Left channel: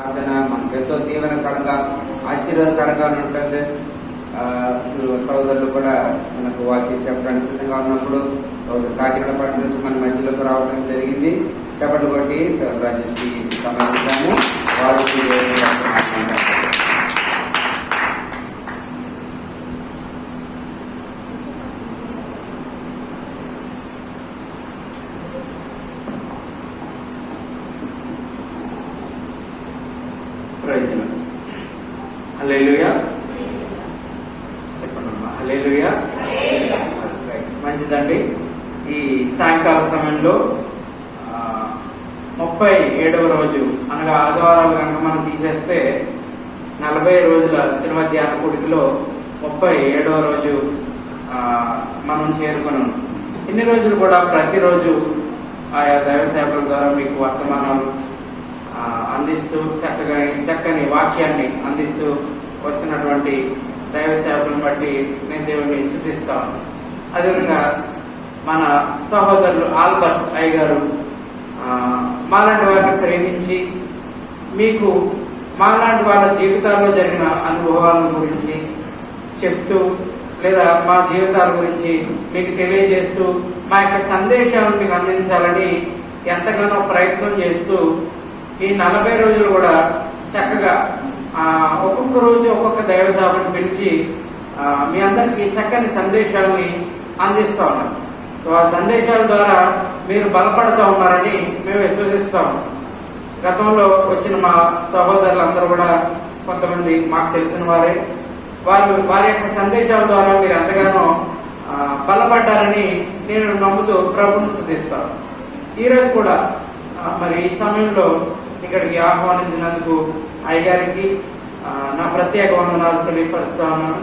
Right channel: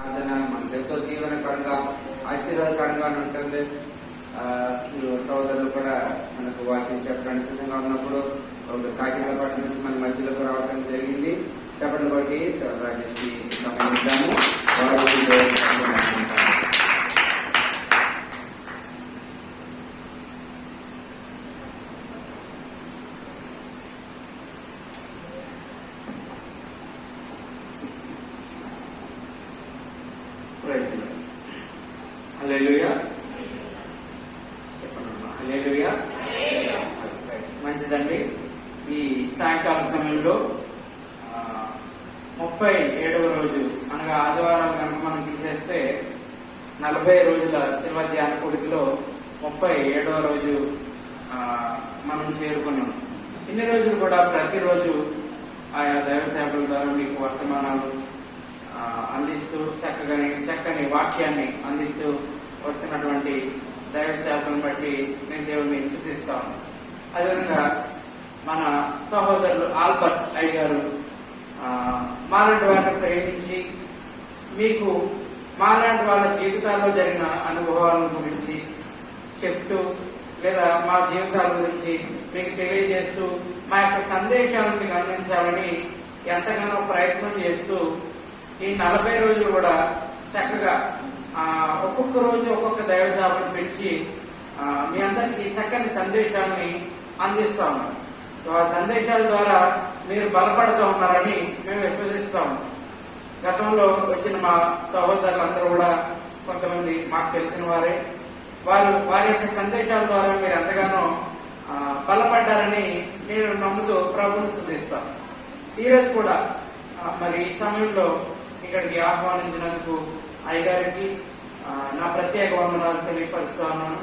ప్రార్థన మనకు ఎంతో దీవెనకరంగా ఆశీర్వాదకరంగా ఉంటుంది. సోదరులు కూడా మనకు వాక్యం చెప్పడానికి సిద్ధంగా ఉన్నప్పుడు కాకినాడ పట్టణం నుంచి మన మధ్యలోకి రావడం జరిగింది. చెప్పండి కొట్టి రాజేష్కి సంబంధించాము. వారికి ప్రయోజనం. హల్లెలూయా చెప్పండమ్మా. హల్లెలూయా. మంచిదండి. ఈ సాయంకాల సమయంలో 37వ రోజు అనగా ఆదివారాలు కనుక మనం తీసేస్తే 40 రోజుల శిల్వ ధ్యాన కూడికలో 37వ రోజు మనం చేరుకున్నాం. ఇన్ని రోజులు కూడా ప్రతిరోజు ఆయా దైవ సేవల ద్వారా మీకు వర్తమానాలు అందిస్తూ చక్కని వాక్యాన్ని అందిస్తూ వస్తున్నటువంటి దైవ సేవలను బట్టి నేను దేవుని స్తుతిస్తాను. అదేవిధంగా మన సహోదరులు ఆల్బర్ట్ అయ్య గారు మాలాంటి వారిని ప్రేమించి మీకు మాలాంటి వాళ్ళ జీవితాల్లో జరిగిన అనుభవాల గురించి చెప్తూ లేదా మా జీవితాల గురించి మీకు తెలియజేస్తూ మా యొక్క సందేశాలను మీకు అందించాలని ఎంతగానో ప్రయత్నం చేస్తూ ఈ 40 రోజులు కూడా చక్కగా ఒక్కొక్క రోజు ఒక్కొక్క దైవ సేవను పిలిచి మీ అందరికీ చక్కని సందేశాలని అందిస్తా ఉన్నాం. ఆ సందేశాల ద్వారా మీరు బలపడుతూ ఉన్నారని మేము విశ్వసిస్తాము. గతంలో వచ్చిన మా సహోదరులందరూ కూడా కొంతమంది మాకు తెలిసిన వారి యొక్క సందేశాల ద్వారా మీరు ఎంతగానో బలపడ్డారని నేను నమ్ముతూ ప్రభువుని స్తుతిస్తాను. ఈరోజు కూడా మరి ఈ సమయంలో ఇక్కడికి ఆహ్వానించినందుకు అయ్యగారికి నా ప్రత్యేక వందనాలు తెలియపరుస్తా ఉన్నాను.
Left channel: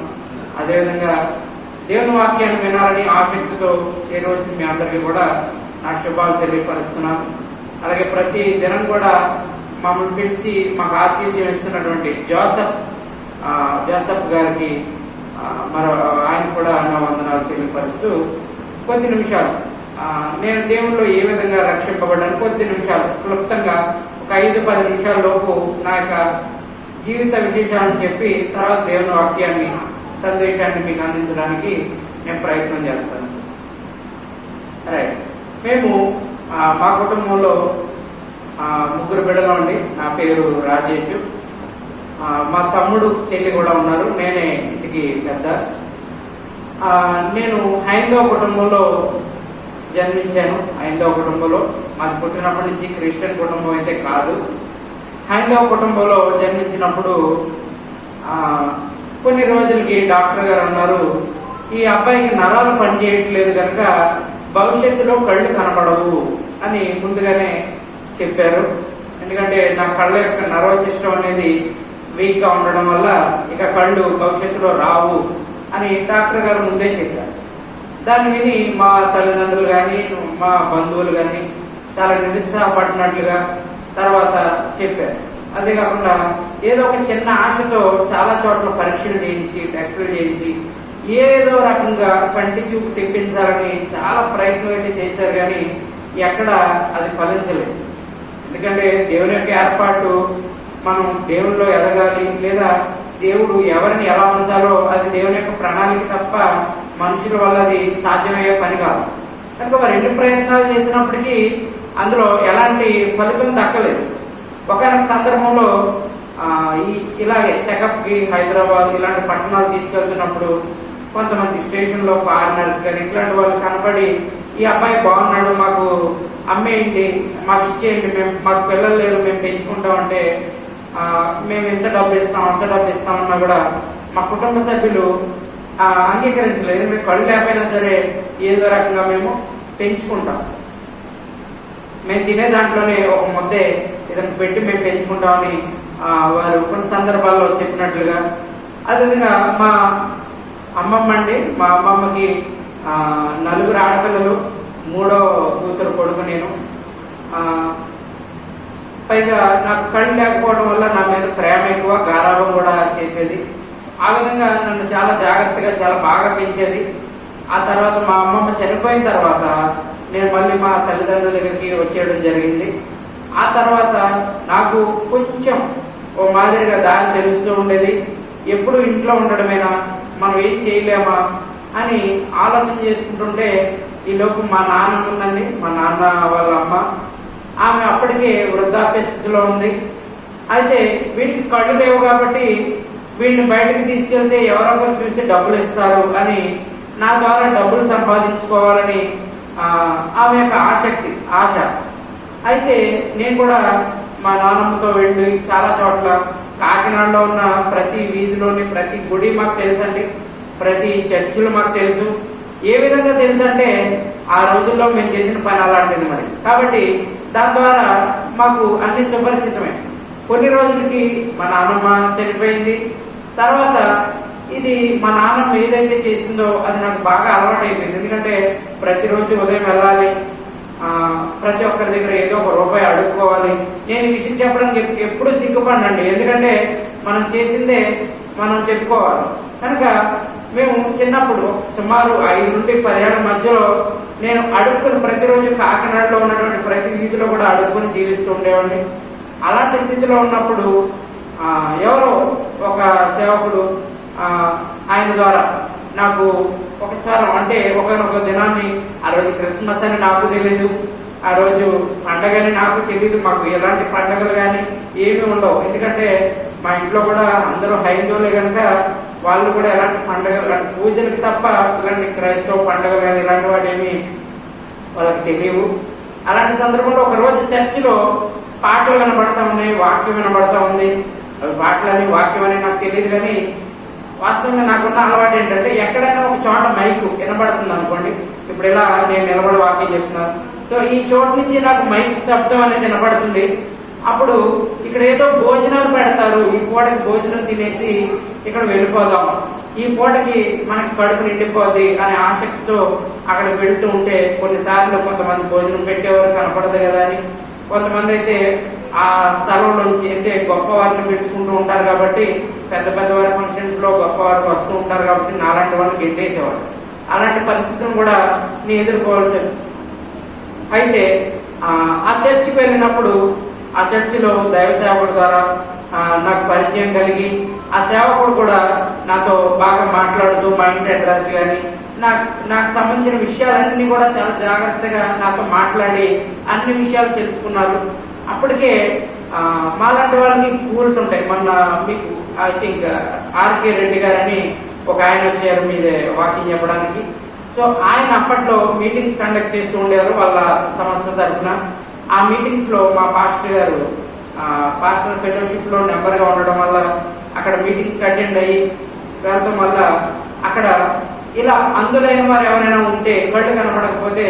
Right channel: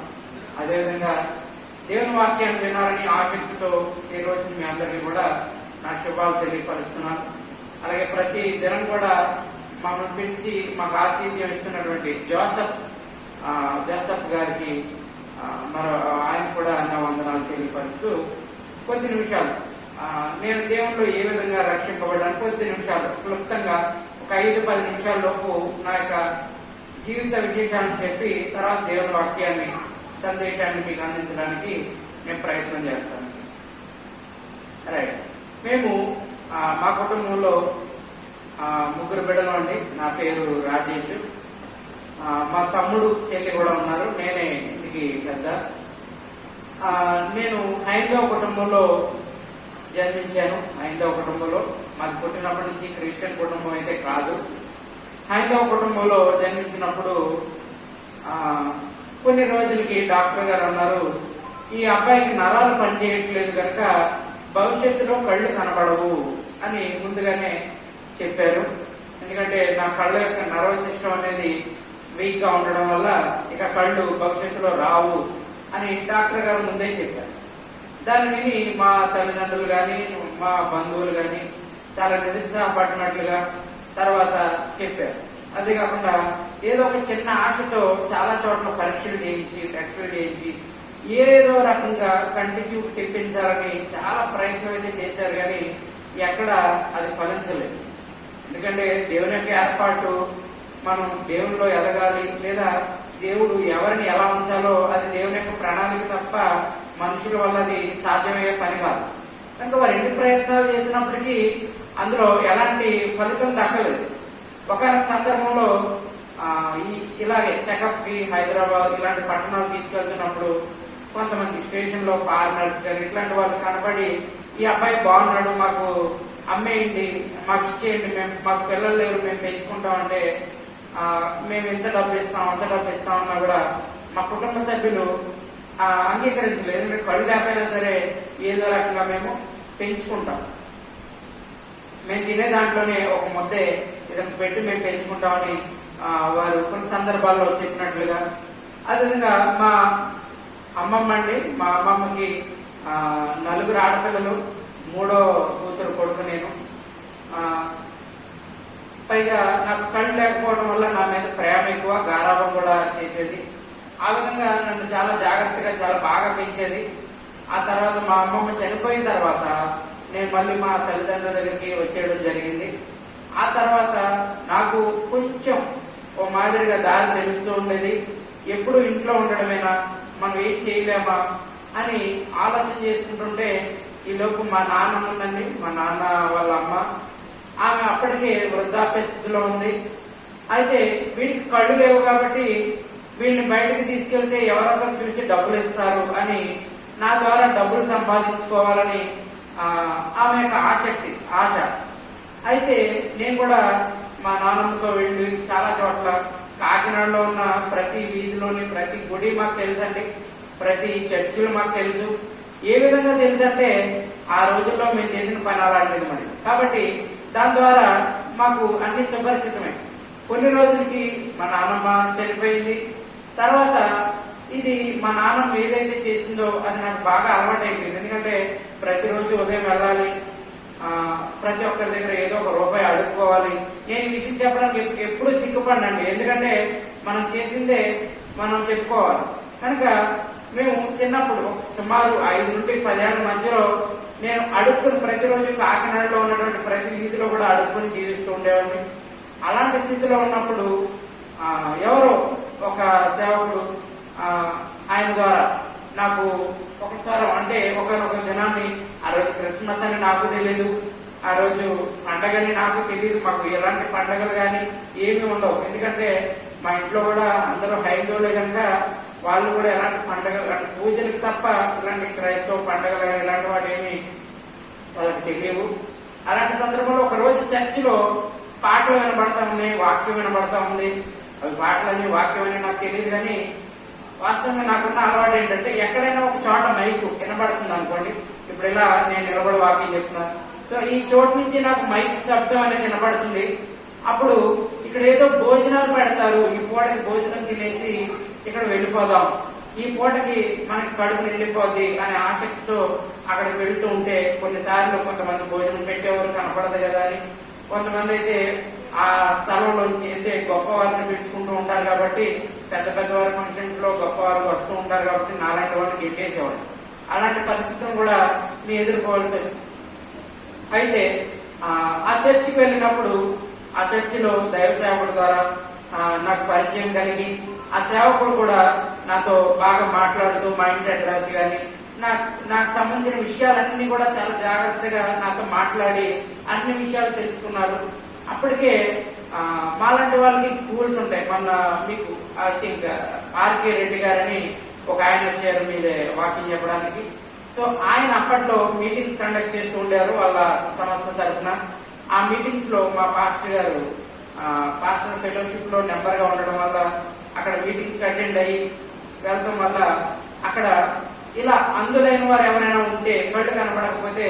అదేవిధంగా దేవుని వాక్యాన్ని వినాలని ఆసక్తితో ఈ రోజు మీ అందరికీ కూడా నా శుభాలు తెలియపరుస్తున్నాను. అలాగే ప్రతి దినం కూడా మమ్మల్ని పిలిచి మాకు ఆతిథ్యం ఇస్తున్నటువంటి జోసఫ్ గారికి ఆయన కూడా నా వందనాలు తెలియపరుస్తూ కొద్ది నిమిషాలు నేను దేవుల్లో ఏ విధంగా రక్షింపబడ్డాను కొద్ది నిమిషాలు క్లుప్తంగా ఒక 5-10 నిమిషాల లోపు నా యొక్క జీవిత విశేషాలను చెప్పి తర్వాత దేవుని వాక్యాన్ని సందేశాన్ని మీకు అందించడానికి నేను ప్రయత్నం చేస్తాను. రైట్. మేము మా కుటుంబంలో 3 బిడ్డలు అండి. నా పేరు రాజేష్. మా తమ్ముడు చెల్లి కూడా ఉన్నారు. నేనే ఇంటికి పెద్ద. నేను హైందవ కుటుంబంలో జన్మించాను. హైందవ కుటుంబంలో మాది పుట్టినప్పటి నుంచి క్రిస్టియన్ కుటుంబం అయితే కాదు. హైందవ కుటుంబంలో జన్మించినప్పుడు కొన్ని రోజులకి డాక్టర్ గారు అన్నారు, ఈ అబ్బాయికి నరాలు పనిచేయట్లేదు కనుక భవిష్యత్తులో కళ్ళు కనపడవు అని ముందుగానే చెప్పారు. ఎందుకంటే నా కళ్ళ యొక్క నర్వస్ సిస్టమ్ అనేది వీక్ గా ఉండడం వల్ల ఇక కళ్ళు భవిష్యత్తులో రావు అని డాక్టర్ గారు ముందే చెప్పారు. దాన్ని విని మా తల్లిదండ్రులు కానీ మా బంధువులు కానీ చాలా నిరుత్సాహపడినట్లుగా తర్వాత చెప్పారు. అదే కాకుండా ఏదో ఒక చిన్న ఆశతో చాలా చోట్ల పరీక్షలు చేయించి టెస్టులు చేయించి ఏదో రకంగా కంటి చూపు తెప్పించాలని చాలా ప్రయత్నం అయితే చేశారు, కానీ ఎక్కడ అది ఫలించలేదు. ఎందుకంటే దేవుని యొక్క ఏర్పాటు మనం దేవునిలో ఎదగాలి లేదా దేవుడు ఎవరిని ఎలా ఉంచాలో అది దేవుని యొక్క ప్రణాళిక తప్ప మనుషుల వల్ల అది సాధ్యమయ్యే పని కాదు. కనుక వారు ఎన్ని ప్రయత్నాలు చేసినప్పటికీ అందులో ఎలాంటి ఫలితం దక్కలేదు. ఒకనొక సందర్భంలో ఇలాగే చెకప్ కి హైదరాబాద్ ఇలాంటి పట్టణాలు తీసుకెళ్తున్నప్పుడు కొంతమంది స్టేషన్ లో ఫారినర్స్ కానీ ఇట్లాంటి వాళ్ళు కనబడి ఈ అబ్బాయి బాగున్నాడు, మాకు అమ్మేయండి, మాకు ఇచ్చేయండి, మాకు పిల్లలు లేరు, మేము పెంచుకుంటామంటే మేము ఎంత డబ్బు ఇస్తాం అంత డబ్బు ఇస్తామన్నా కూడా మా కుటుంబ సభ్యులు అంగీకరించలేదు. ఎందుకంటే కళ్ళు లేకపోయినా సరే ఏదో రకంగా మేము పెంచుకుంటాం, మేము తినే దాంట్లోనే ఒక ముద్దే ఏదైనా పెట్టి మేము పెంచుకుంటామని వారు కొన్ని సందర్భాల్లో చెప్పినట్లుగా. అదేవిధంగా మా అమ్మమ్మ అండి, మా అమ్మమ్మకి 4 ఆడపిల్లలు, 3వ కూతురు కొడుకు నేను. పైగా నాకు కళ్ళు లేకపోవడం వల్ల నా మీద ప్రేమ ఎక్కువ, గారాబం కూడా చేసేది. ఆ విధంగా నన్ను చాలా జాగ్రత్తగా చాలా బాగా పెంచేది. ఆ తర్వాత మా అమ్మమ్మ చనిపోయిన తర్వాత నేను మళ్ళీ మా తల్లిదండ్రుల దగ్గరికి వచ్చేయడం జరిగింది. ఆ తర్వాత నాకు కొంచెం మాదిరిగా దారి తెలుస్తూ ఉండేది. ఎప్పుడు ఇంట్లో ఉండడమేనా, మనం ఏం చేయలేమా అని ఆలోచన చేసుకుంటుంటే ఈ లోపు మా నాన్న ఉందండి, మా నాన్న వాళ్ళ అమ్మ. ఆమె అప్పటికే వృద్ధాప్య స్థితిలో ఉంది. అయితే వీటికి కళ్ళు లేవు కాబట్టి వీడిని బయటకు తీసుకెళ్తే ఎవరొకరు చూసి డబ్బులు ఇస్తారు అని నా ద్వారా డబ్బులు సంపాదించుకోవాలని ఆమె యొక్క ఆశ. అయితే నేను కూడా మా నాన్నమ్మతో వెళ్ళి చాలా చోట్ల కాకినాడలో ఉన్న ప్రతి వీధిలోని ప్రతి గుడి మాకు తెలుసండి, ప్రతి చర్చిలు మాకు తెలుసు. ఏ విధంగా తెలుసు అంటే ఆ రోజుల్లో మేము చేసిన పని అలాంటిది మరి. కాబట్టి దాని ద్వారా మాకు అన్ని సుపరిచితమే. కొన్ని రోజులకి మా నాన్నమ్మ చనిపోయింది. తర్వాత ఇది మా నాన్నమ్మ ఏదైతే చేసిందో అది నాకు బాగా అలవాటు అయిపోయింది. ఎందుకంటే ప్రతిరోజు ఉదయం వెళ్ళాలి, ప్రతి ఒక్కరి దగ్గర ఏదో ఒక రూపాయి అడుక్కోవాలి. నేను ఈ విషయం చెప్పడానికి ఎప్పుడు సిగ్గుపడినండి, ఎందుకంటే మనం చేసిందే మనం చెప్పుకోవాలి. కనుక మేము చిన్నప్పుడు సుమారు 5 నుండి 10 ఏళ్ల మధ్యలో నేను అడుక్కుని ప్రతిరోజు కాకినాడలో ఉన్నటువంటి ప్రతి వీధిలో కూడా అడుక్కుని జీవిస్తూ ఉండేవాడిని. అలాంటి స్థితిలో ఉన్నప్పుడు ఎవరో ఒక సేవకుడు ఆయన ద్వారా నాకు ఒకసారి అంటే ఒకనొక దినాన్ని, ఆ రోజు క్రిస్మస్ అని నాకు తెలీదు, ఆ రోజు పండగని నాకు తెలీదు. మాకు ఎలాంటి పండగలు కానీ ఏమీ ఉండవు. ఎందుకంటే మా ఇంట్లో కూడా అందరూ హైందవులే కనుక వాళ్ళు కూడా ఎలాంటి పండగలు, అంటే పూజలకు తప్ప ఇలాంటి క్రైస్తవ పండుగలు కానీ ఇలాంటి వాటి ఏమి వాళ్ళకి తెలియవు. అలాంటి సందర్భంలో ఒక రోజు చర్చిలో పాటలు వినబడతా ఉన్నాయి, వాక్యం వినబడతా ఉంది. అవి పాటలని వాక్యం అని నాకు తెలియదు, కానీ వాస్తవంగా నాకున్న అలవాటు ఏంటంటే ఎక్కడైనా ఒక చోట మైకు వినబడుతుంది అనుకోండి, ఇప్పుడు ఇలా నేను నిలబడి వాక్యం చెప్తున్నాను, సో ఈ చోటు నుంచి నాకు మైక్ శబ్దం అనేది వినబడుతుంది. అప్పుడు ఇక్కడ ఏదో భోజనాలు పెడతారు, ఈ పూటకి భోజనం తినేసి ఇక్కడ వెళ్ళిపోదాం, ఈ పూటకి మనకి కడుపు నిండిపోద్ది అనే ఆసక్తితో అక్కడ వెళ్తూ ఉంటే కొన్నిసార్లు కొంతమంది భోజనం పెట్టేవారు కనపడదు కదా అని, కొంతమంది అయితే ఆ స్థలంలోంచి అంటే గొప్ప వారిని పెట్టుకుంటూ ఉంటారు కాబట్టి పెద్ద పెద్ద వారి ఫంక్షన్స్ లో గొప్ప వారికి వస్తూ ఉంటారు కాబట్టి నాలాంటి వాళ్ళకి గెట్టేసేవారు. అలాంటి పరిస్థితిని కూడా నేను ఎదుర్కోవాల్సి వచ్చింది. అయితే ఆ చర్చికి వెళ్ళినప్పుడు ఆ చర్చిలో దైవ సేవకుడు ద్వారా నాకు పరిచయం కలిగి ఆ సేవకుడు కూడా నాతో బాగా మాట్లాడుతూ మా ఇంటి అడ్రస్ కానీ నాకు సంబంధించిన విషయాలన్నీ కూడా చాలా జాగ్రత్తగా నాతో మాట్లాడి అన్ని విషయాలు తెలుసుకున్నారు. అప్పటికే మాలాంటి వాళ్ళకి స్కూల్స్ ఉంటాయి. మొన్న మీకు ఐ థింక్ ఆర్కే రెడ్డి గారని ఒక ఆయన వచ్చారు మీదే వాకింగ్ చెప్పడానికి. సో ఆయన అప్పట్లో మీటింగ్స్ కండక్ట్ చేస్తూ ఉండేవారు వాళ్ళ సంస్థ తరఫున. ఆ మీటింగ్స్ లో మా పాస్టర్ గారు పాస్టర్ ఫెలోషిప్ లో నెంబర్ గా ఉండడం వల్ల అక్కడ మీటింగ్స్ అటెండ్ అయ్యి వెళ్ళటం వల్ల అక్కడ ఇలా అందులైన వారు ఎవరైనా ఉంటే కళ్ళు కనపడకపోతే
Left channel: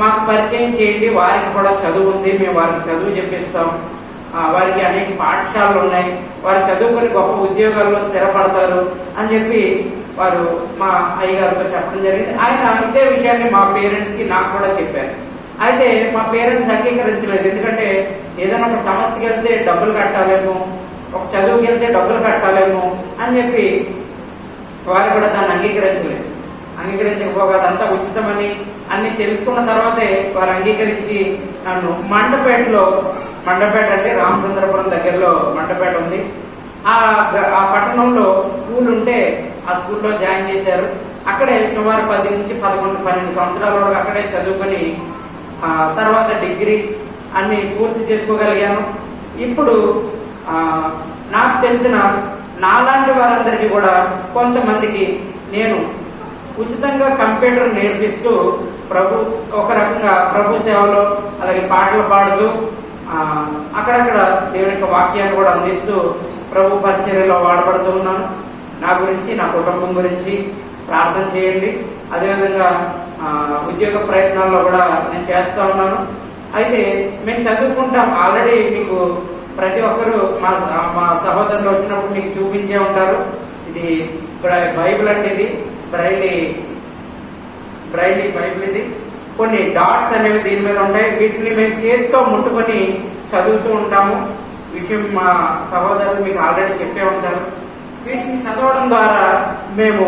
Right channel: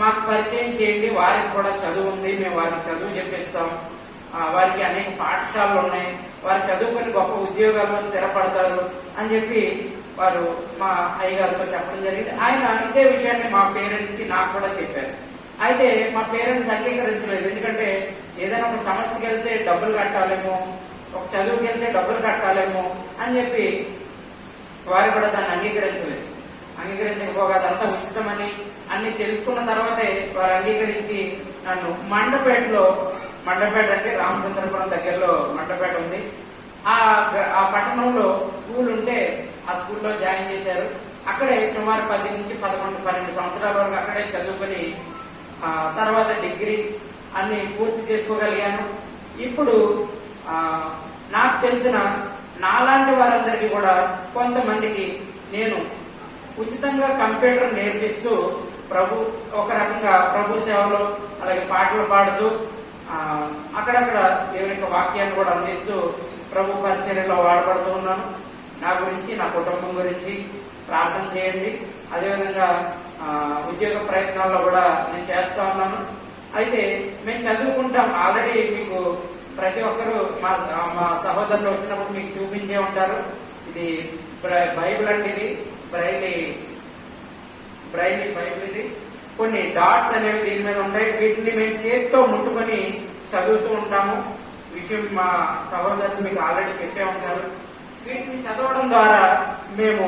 మాకు పరిచయం చేయండి, వారికి కూడా చదువు ఉంది, మేము వారికి చదువు చెప్పిస్తాం, వారికి అనేక పాఠశాలలు ఉన్నాయి, వారు చదువుకొని గొప్ప ఉద్యోగాల్లో స్థిరపడతారు అని చెప్పి వారు మా అయ్యగారితో చెప్పడం జరిగింది. ఆయన ఇదే విషయాన్ని మా పేరెంట్స్ కి నాకు కూడా చెప్పారు. అయితే మా పేరెంట్స్ అంగీకరించలేదు. ఎందుకంటే ఏదైనా ఒక సంస్థకి వెళ్తే డబ్బులు కట్టాలేమో, ఒక చదువుకి వెళ్తే డబ్బులు కట్టాలేమో అని చెప్పి వారు కూడా దాన్ని అంగీకరించకపోగా అదంతా ఉచితమని అన్ని తెలుసుకున్న తర్వాతే వారు అంగీకరించి నన్ను మండపేట అంటే రామచంద్రపురం దగ్గరలో మండపేట ఉంది, ఆ పట్టణంలో స్కూల్ ఉంటే ఆ స్కూల్లో జాయిన్ చేశారు. అక్కడే సుమారు 10 నుంచి 11, 12 సంవత్సరాల వరకు అక్కడే చదువుకొని తర్వాత డిగ్రీ అన్ని పూర్తి చేసుకోగలిగాను. ఇప్పుడు నాకు తెలిసిన నాలాంటి వారందరికీ కూడా కొంతమందికి నేను ఉచితంగా కంప్యూటర్ నేర్పిస్తూ ఒక రకంగా ప్రభు సేవలో అలాగే పాటలు పాడుతూ అక్కడక్కడ దేవుని యొక్క వాక్యాన్ని కూడా అందిస్తూ ప్రభు పరిచర్యలో వాడబడుతూ ఉన్నాను. నా గురించి, నా కుటుంబం గురించి ప్రార్థన చేయండి. అదేవిధంగా ఉద్యోగ ప్రయత్నాల్లో కూడా నేను చేస్తా ఉన్నాను. అయితే మేము చదువుకుంటాం, ఆల్రెడీ మీకు ప్రతి ఒక్కరు మా సహోదరులు వచ్చినప్పుడు మీకు చూపించే ఉంటారు. ఇది బైబిల్ అంటే ఇది బ్రైలీ బైబిల్. ఇది కొన్ని డాట్స్ అనేవి దీని మీద ఉంటాయి. వీటిని మేము చేతితో ముట్టుకొని చదువుతూ ఉంటాము. విషయం మా సహోదరులు మీకు ఆల్రెడీ చెప్పే ఉంటారు. వీటిని చదవడం ద్వారా మేము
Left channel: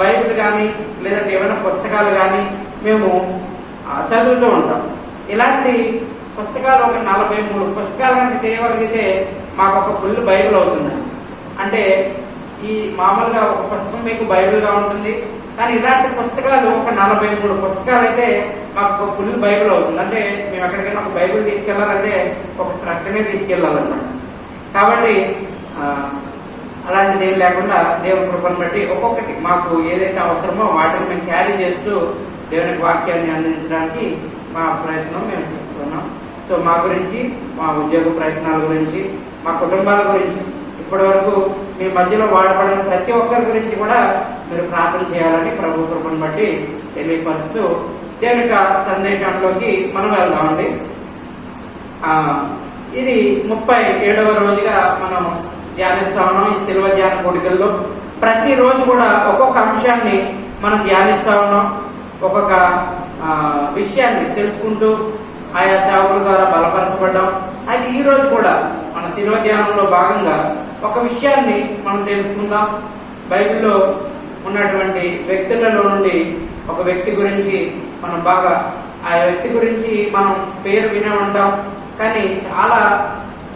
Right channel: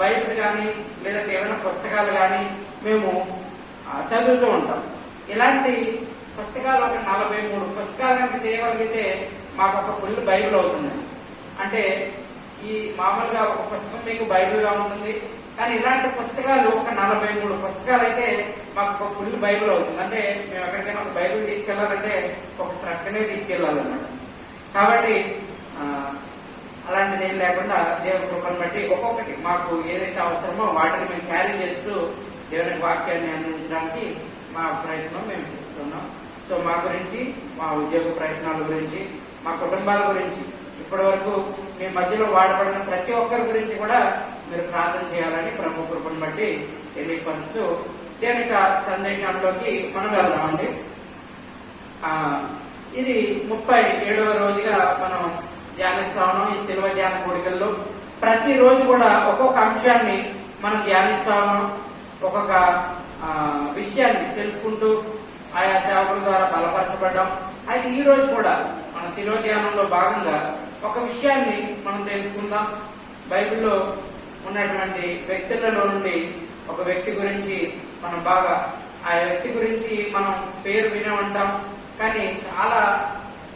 బైబిల్ కానీ లేదంటే ఏమైనా పుస్తకాలు కానీ మేము చదువుతూ ఉంటాం. ఇలాంటి పుస్తకాలు ఒక 43 పుస్తకాలు కనుక తీయగలిగితే మాకు ఒక ఫుల్ బైబిల్ అవుతుంది. అంటే ఈ మామూలుగా ఒక పుస్తకం మీకు బైబిల్గా ఉంటుంది, కానీ ఇలాంటి పుస్తకాలు ఒక 43 పుస్తకాలు అయితే మాకు ఒక ఫుల్ బైబిల్ అవుతుంది. అంటే మేము ఎక్కడికైనా ఒక బైబిల్ తీసుకెళ్లాలంటే ఒక ట్రక్కనే తీసుకెళ్లాలన్నమాట. కాబట్టి అలాంటిది ఏం లేకుండా దేవుని కృపను బట్టి ఒక్కొక్కటి మాకు ఏదైతే అవసరమో వాటిని మేము క్యారీ చేస్తూ దేవుని వాక్యాన్ని అందించడానికి మా ప్రయత్నం మేము చేస్తున్నాం. సో మా గురించి, మా ఉద్యోగ ప్రయత్నాల గురించి, మా కుటుంబాల గురించి, ఇప్పటి వరకు మీ మధ్యలో వాడబడిన ప్రతి ఒక్కరి గురించి కూడా మీరు ప్రార్థన చేయాలని ప్రభు కృపను బట్టి తెలియపరుస్తూ దేవుని సందేశంలోకి మనం వెళ్దామండి. ఇది 37వ రోజుగా మనం ధ్యానిస్తా ఉన్నాం. ఈ శిల్వ ధ్యాన కోడికల్లో ప్రతి రోజు కూడా ఒక్కొక్క అంశాన్ని మనం ధ్యానిస్తా ఉన్నాం. ఒక్కొక్క విషయాన్ని తెలుసుకుంటూ ఆయా సేవకుల ద్వారా బలపరచబడ్డాం. అయితే ఈ రోజు కూడా మన శిల్వ ధ్యానంలో భాగంగా ఒక విషయాన్ని మనం తెలుసుకుందాం. బైబిల్లో ఉన్నటువంటి వ్యక్తులలో నుండి ఒక వ్యక్తి గురించి మనం బాగా, ఆ వ్యక్తి గురించి మనం పేరు వినే ఉంటాం, కానీ చాలా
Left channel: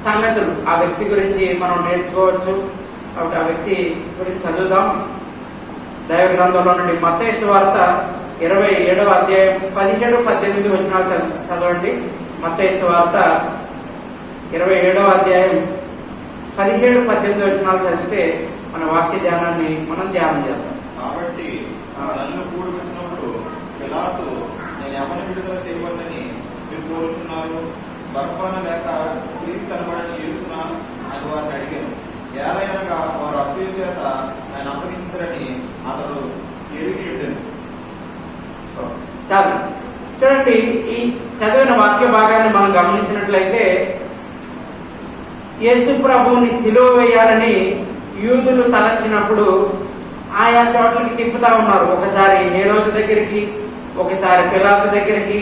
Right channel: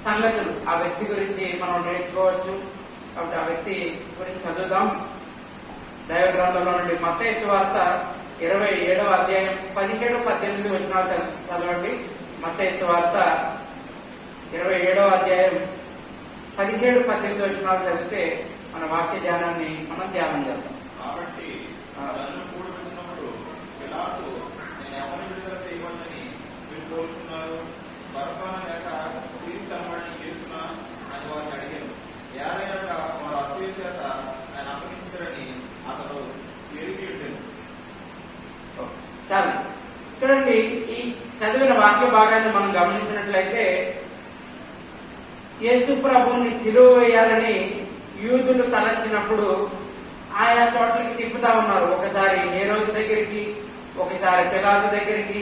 సంగతులు ఆ వ్యక్తి గురించి మనం నేర్చుకోవచ్చు. కాబట్టి ఆ వ్యక్తి గురించి చదువుదాం. దైవ గ్రంథంలో నుండి మత్తయి సువార్త 27వ అధ్యాయం 17-18 వచనాలు చదవండి. మత్తయి సువార్త 27వ అధ్యాయం 17-18 వచనాలు చదివితే మన వాక్య ధ్యానాన్ని మనం ధ్యానం చేద్దాం. కాబట్టి నన్ను కూడుకున్నప్పుడు పిలాతు, నేను ఎవరిని విడుదల చేయకూడదని మీరు కోరుచున్నారు, బరబ్బను లేక క్రీస్తు అనబడిన యేసునా అని వారిని అడిగాను. ఏలయనగా వారు అసూయ చేత ఆయన అప్పగించారని అతడు ఎరిగి ఉండేను. చాలు చూడండి, ఈ చదివిన వాక్య భాగాన్ని మనం గమనించినట్లయితే యేసు ప్రభువుని సిలువ వేయాలని యూదులు తలచినప్పుడు ఆయా చోట్లకి తిప్పుతా ఉన్నారు. ఒకసారి నేరోదు దగ్గరికి, ఒకసారి పిలాతు దగ్గరికి,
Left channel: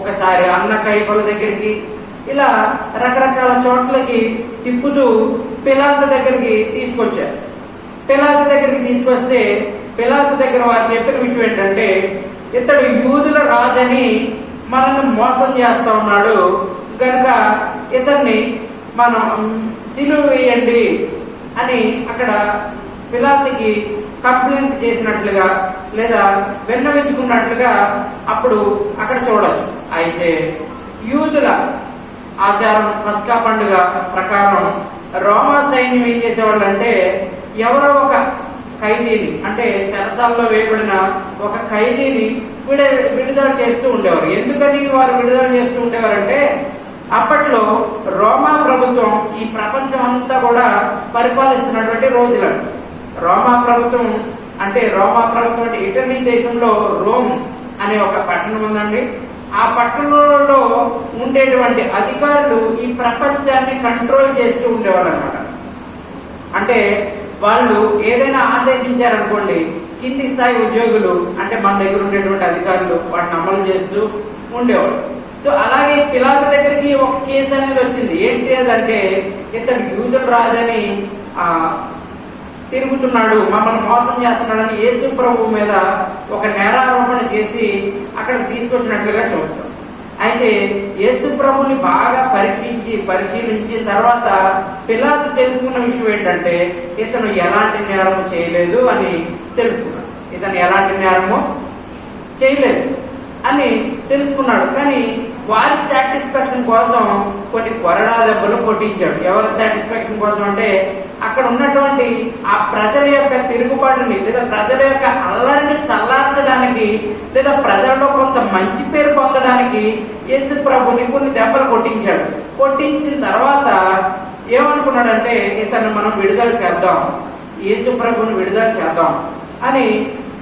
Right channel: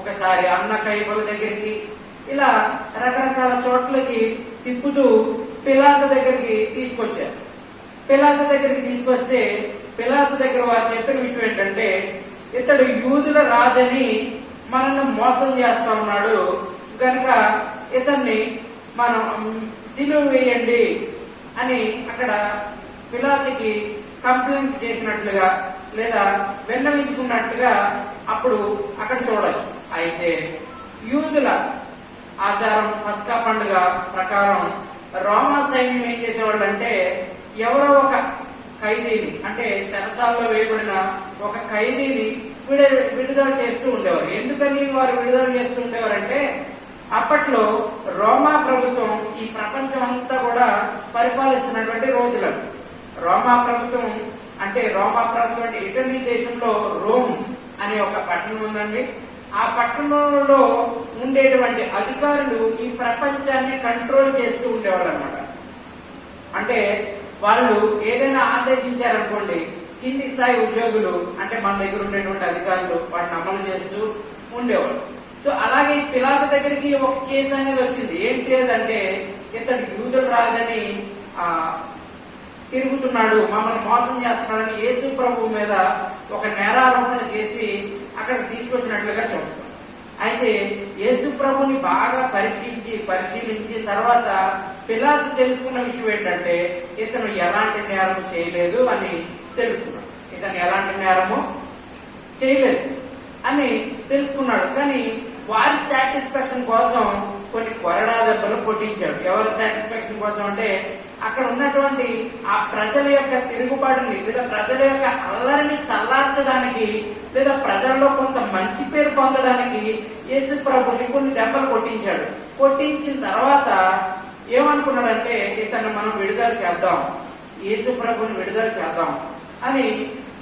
ఒకసారి అన్న కైపల దగ్గరికి, ఇలా రకరకాల చోట్లకి తిప్పుతూ పిలాతు దగ్గరికి తీసుకొచ్చారు. పిలాతు దగ్గరికి తీసుకొస్తే పిలాతు దగ్గర వారు చెప్పిన విషయం ఏంటంటే, ఇతడు యూదుల రాజని మనల్ని మోసం చేస్తా ఉన్నాడు కనుక ఇతన్ని మనం సిలువ వేయండి అని అక్కడ పిలాతుకి కంప్లైంట్ చేసినట్లుగా లేదా విన్నవించుకున్నట్లుగా అప్పుడు అక్కడ చూడొచ్చు. అయితే యూదుల ఆచారం పస్కా పండుగ ప్రకారం రోమా సైన్యం ఏం చేసేవాళ్ళు అంటే, ఎవరో ఒక ఖైదీని, అంటే చెరసాల్లో వేయబడిన ఒక ఖైదీని విడుదల చేస్తూ ఉండేవారు. ఎందుకని వారు విడుదల చేస్తూ ఉండేవారంటే, అప్పట్లో రోమా ప్రభుత్వం ఈ ప్రపంచం అంతా కూడా పరిపాలిస్తున్నటువంటి రోజులను. రోమా ప్రభుత్వం అంటే ఇటలీ దేశంలో రోమ్ అనే ఒక పట్టణం ఉందండి. ఆ పట్టణంలో ఉండేటువంటి అధికారులు ఈ ప్రపంచాన్ని కంట్రోల్ చేస్తూ ఉండేవాళ్ళు అనమాట. అంటే వాళ్ళు ఏదైనా ఆదేశించారనుకోండి, కింది స్థాయి ఉద్యోగులు అంటే మన దగ్గర ఉండేటువంటి అధికారులు వాటిని అమలు చేస్తూ ఉండేవాళ్ళు. సో అలాగే పిలాతు దగ్గరికి ఒక కేసు అనేది వచ్చింది. ఏంటి అదంటే, ఇతడు యూదుల రాజని తిరుగుతున్నాడు, మమ్మల్ని మోసం చేస్తున్నాడని యేసు ప్రభు మీద ఒక నేరారోపణ చేసి అక్కడ తీసుకొచ్చినట్లుగా చూస్తాం. అయితే యేసు ప్రభుని బాగా పరిశీలించిన తర్వాత పిలాతు తెలుసుకున్న విషయం ఏంటంటే, ఇతను ఎలాంటి నేరము చేయలేదు అని తెలుసుకున్నాడు. ఇతను ఎలాంటి నేరము చేయలేదు అని తెలుసుకున్నాడు. కానీ వారి సాటిస్ఫాక్షన్ కోసం కొన్ని కొరడా దెబ్బలు కొట్టించాడు. ఎవరి సాటిస్ఫాక్షన్ కోసం అంటే, అక్కడ ఉన్నటువంటి ఆ ప్రజల యొక్క తిరుగుబాటుని లేదా ప్రజల యొక్క అల్లరిని చల్లార్చడానికి లేదా ప్రజల్లో కొంత మంచి పేరు పొందడానికి యేసు ప్రభుని కొన్ని దెబ్బలు కొట్టించాడు. కొట్టించిన తర్వాత ఏమనుకున్నాడంటే, ఇతను మనం విడుదల చేద్దాం, యేసు ప్రభుని విడుదల చేద్దాం అని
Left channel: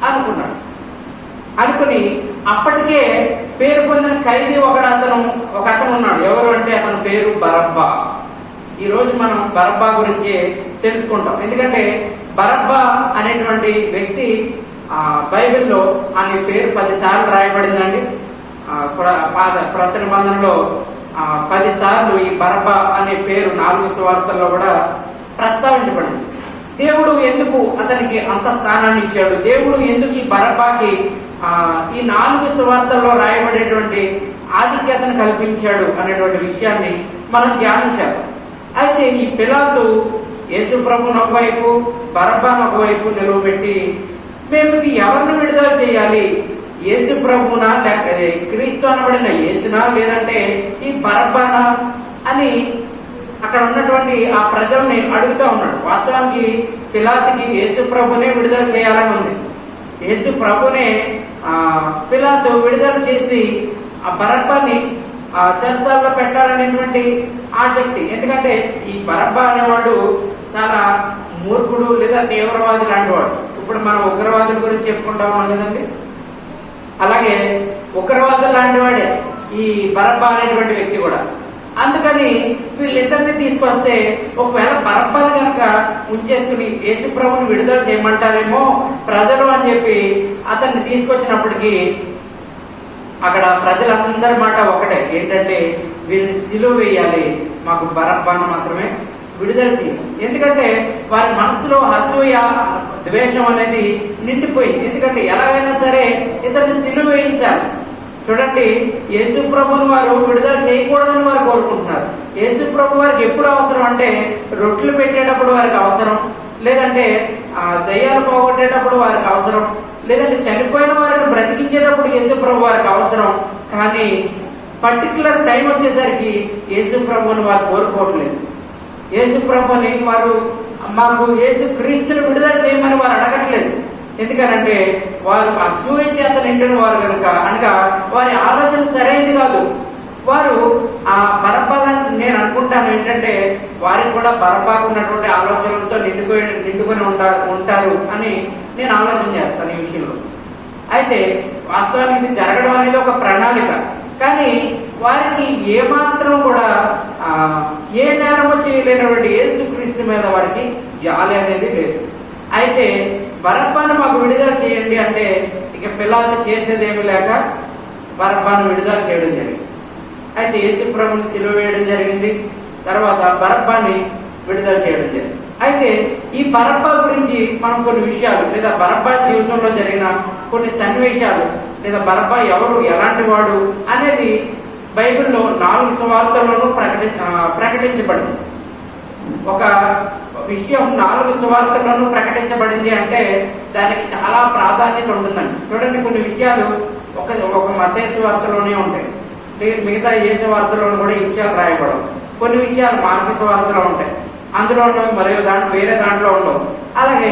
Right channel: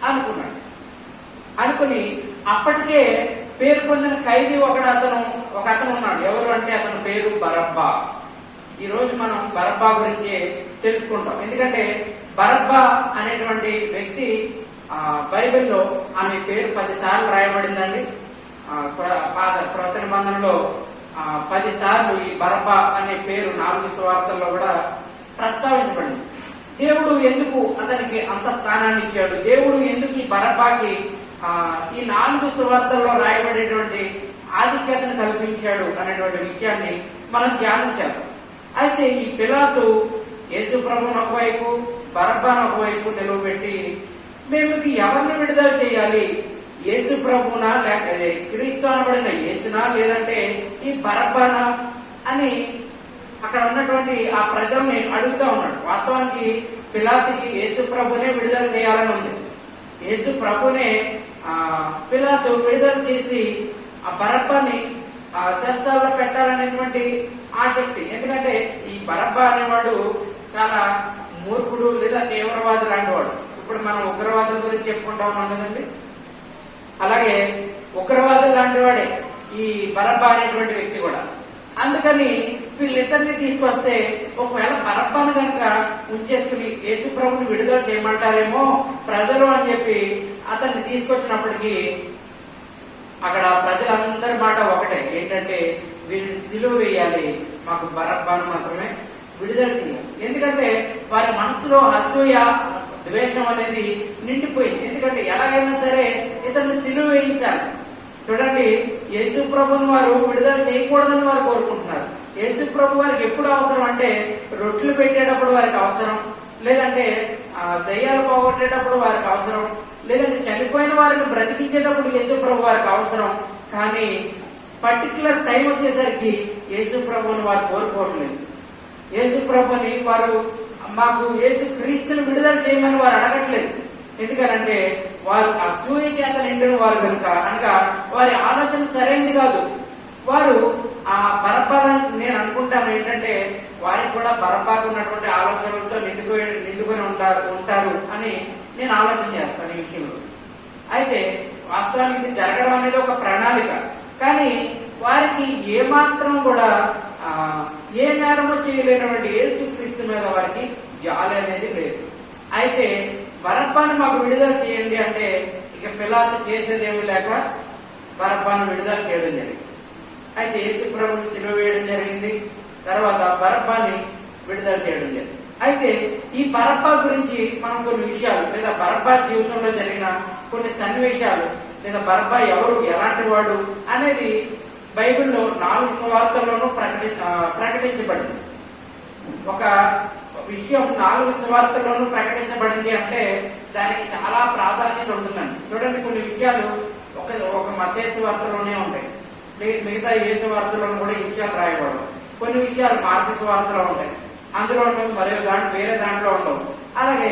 అనుకున్నాడు. అనుకుని అప్పటికే పేరు పొందిన ఖైదీ ఒక అతను ఉన్నాడు. ఎవరు అంటే అతని పేరు బరబ్బా. ఈ రోజు మనం బరబ్బా గురించి తెలుసుకుంటాం. ఎందుకంటే బరబ్బా అనేటువంటి వ్యక్తి బైబిల్లో అనే పేరు 10 సార్లు రాయబడిందండి. కొత్త నిబంధనలో 10 సార్లు ఈ బరబ్బా అనే పేరు 4 సువార్తల్లో కూడా ప్రస్తావించబడింది. దేవుడు ఎందుకు అతనికి అంత స్థానాన్ని ఇచ్చాడు? దేవుడు ఎందుకు ఈ బరబ్బాకి ఈ 4 సువార్తల్లో రాయబడేటువంటి ఆధిక్యతను కల్పించాడు అనేటువంటి విషయాన్ని మనం ధ్యానించాలి. అయితే ఈ పిలాతు యేసు ప్రభువును ఒకవైపు, బరబ్బాను ఒకవైపు నిలవబెట్టి మేము ఎవరిని విడుదల చేయాలి, యేసు ప్రభువునా లేక క్రీస్తు అనబడిన యేసునా లేదంటే ఈ బరబ్బానా అని అక్కడ ఉన్నటువంటి ఆ ప్రజల్ని అడుగుతా ఉన్నాడు. వాస్తవానికి పిలాతుకి యేసు ప్రభునే విడుదల చేయాలని ఉంది. యేసు ప్రభునే పిలాతు విడుదల చేసి ఆ బరబ్బాని చెరసాలలో పెట్టాలనేటువంటి ఆసక్తి. ఎందుకంటే ఈ బరబ్బా అనేవాడు చాలా మూర్ఖుడు లేదా తీవ్రవాది లాంటి వాడు. ఇప్పుడు మనం ఉగ్రవాదుల గురించి చెప్పుకుంటాం కదండి, అలాగే ఉగ్రవాదులు లాంటి వాడే ఈ బరబ్బా అనేటువంటి వ్యక్తి కూడా. అందుకని వీళ్ళిద్దరిని తీసుకొస్తే ఒకవేళ బరబ్బాను కనుక ఉంచేసుకుని యేసు ప్రభుని విడుదల చేయమంటారేమో ప్రజలు అని చెప్పి అతన్ని తీసుకొచ్చినప్పటికీ అక్కడ ప్రజలందరి మాట ఒకటే, ఏంటంటే వీరిని సిలువ వేయాలి, మాకు బరబ్బాను మాత్రమే విడుదల చేయాలి. ఎందుకంటే వారి మనసులో అసూయ ద్వేషం అనేది నిండిపోయింది. ఎందుకంటే ఎలాగైనా సరే ఇతన్ని సిలువ వేయించాలి. చూడండి, యేసు ప్రభుని వారు విడుదల చేయకూడదని వారు కోరుకుంటున్నారు. యేసు ప్రభు వారికి ఎప్పుడు అవసరం అంటే రొట్టెలు పెట్టేటప్పుడు వారికి అవసరం, లేదంటే దయ్యాలు పోగొట్టేటప్పుడు వారికి అవసరం, లేదంటే చనిపోయిన వారిని బ్రతికించేటప్పుడు యేసు ప్రభు వారికి అవసరం. కానీ పర్టికులర్ టైం వచ్చేసరికి యేసు ప్రభుని వారు కోరుకోవట్లేదు. యేసు ప్రభుని వారు మాకు యేసు క్రీస్తుని విడుదల చేయమని వారు అడగట్లేదు. ఎందుకనంటే వారు అసూయ చేత నిండిన వారు కనుక అనగా వారి ఆలోచన సరైనది కాదు. వారు ఆ బరబ్బాలను నేను అనుకుంటాను ఏంటంటే వారికి కూడా బరబ్బాకు ఉన్నటువంటి ఆలోచనలతో నిండుకొని ఉంటారు అని నేను ఆలోచన చేస్తాను ఈ విషయంలో. అయితే వాస్తవానికి ఇది జరగడం అనేది ఒక ప్రణాళిక. కానీ వారికి ఏమాత్రం కూడా ఏ నేరమో చేయలేనటువంటి యేసుక్రీస్తు మీద వారికి జాలి అనేది లేదు. అయితే బరబ్బాను మాకు విడుదల చేయండి అంటే ఇక పిలాతు చేసేదేమీ లేక బరబ్బాను విడుదల చేయడం జరిగింది. అయితే యేసు ప్రభుని సిలువ వేయడం జరిగింది. తర్వాత బరబ్బాని విడుదల చేయడం జరిగింది. అయితే ఈ బరబ్బా గురించి మనం కొన్ని విషయాలు లేదా బరబ్బా జీవితంలో జరిగిన కొన్ని సన్నివేశాలు లేదా బరబ్బా ఎవరు ఎలాంటి వాడు అనేది బైబిల్లో 4 సువార్తల్లోనూ ప్రకటించబడింది. ఒక విషయం 4 సువార్తల్లోనూ ప్రకటించబడింది అంటే దానికి చాలా ప్రాధాన్యత ఉంటుందండి. చూడండి, కొన్ని విషయాలు ఒక మత్తయి సువార్తలోనే ఉంటాయి, మిగతా ఏ సువార్తలోనూ కూడా ఈ విషయాలు రాయబడవు. కొన్ని విషయాలు మార్కు సువార్తలో ఉంటాయి, అందులో ఉండవు, మరియు వేరే దాంట్లో ఉండవు. అలాగే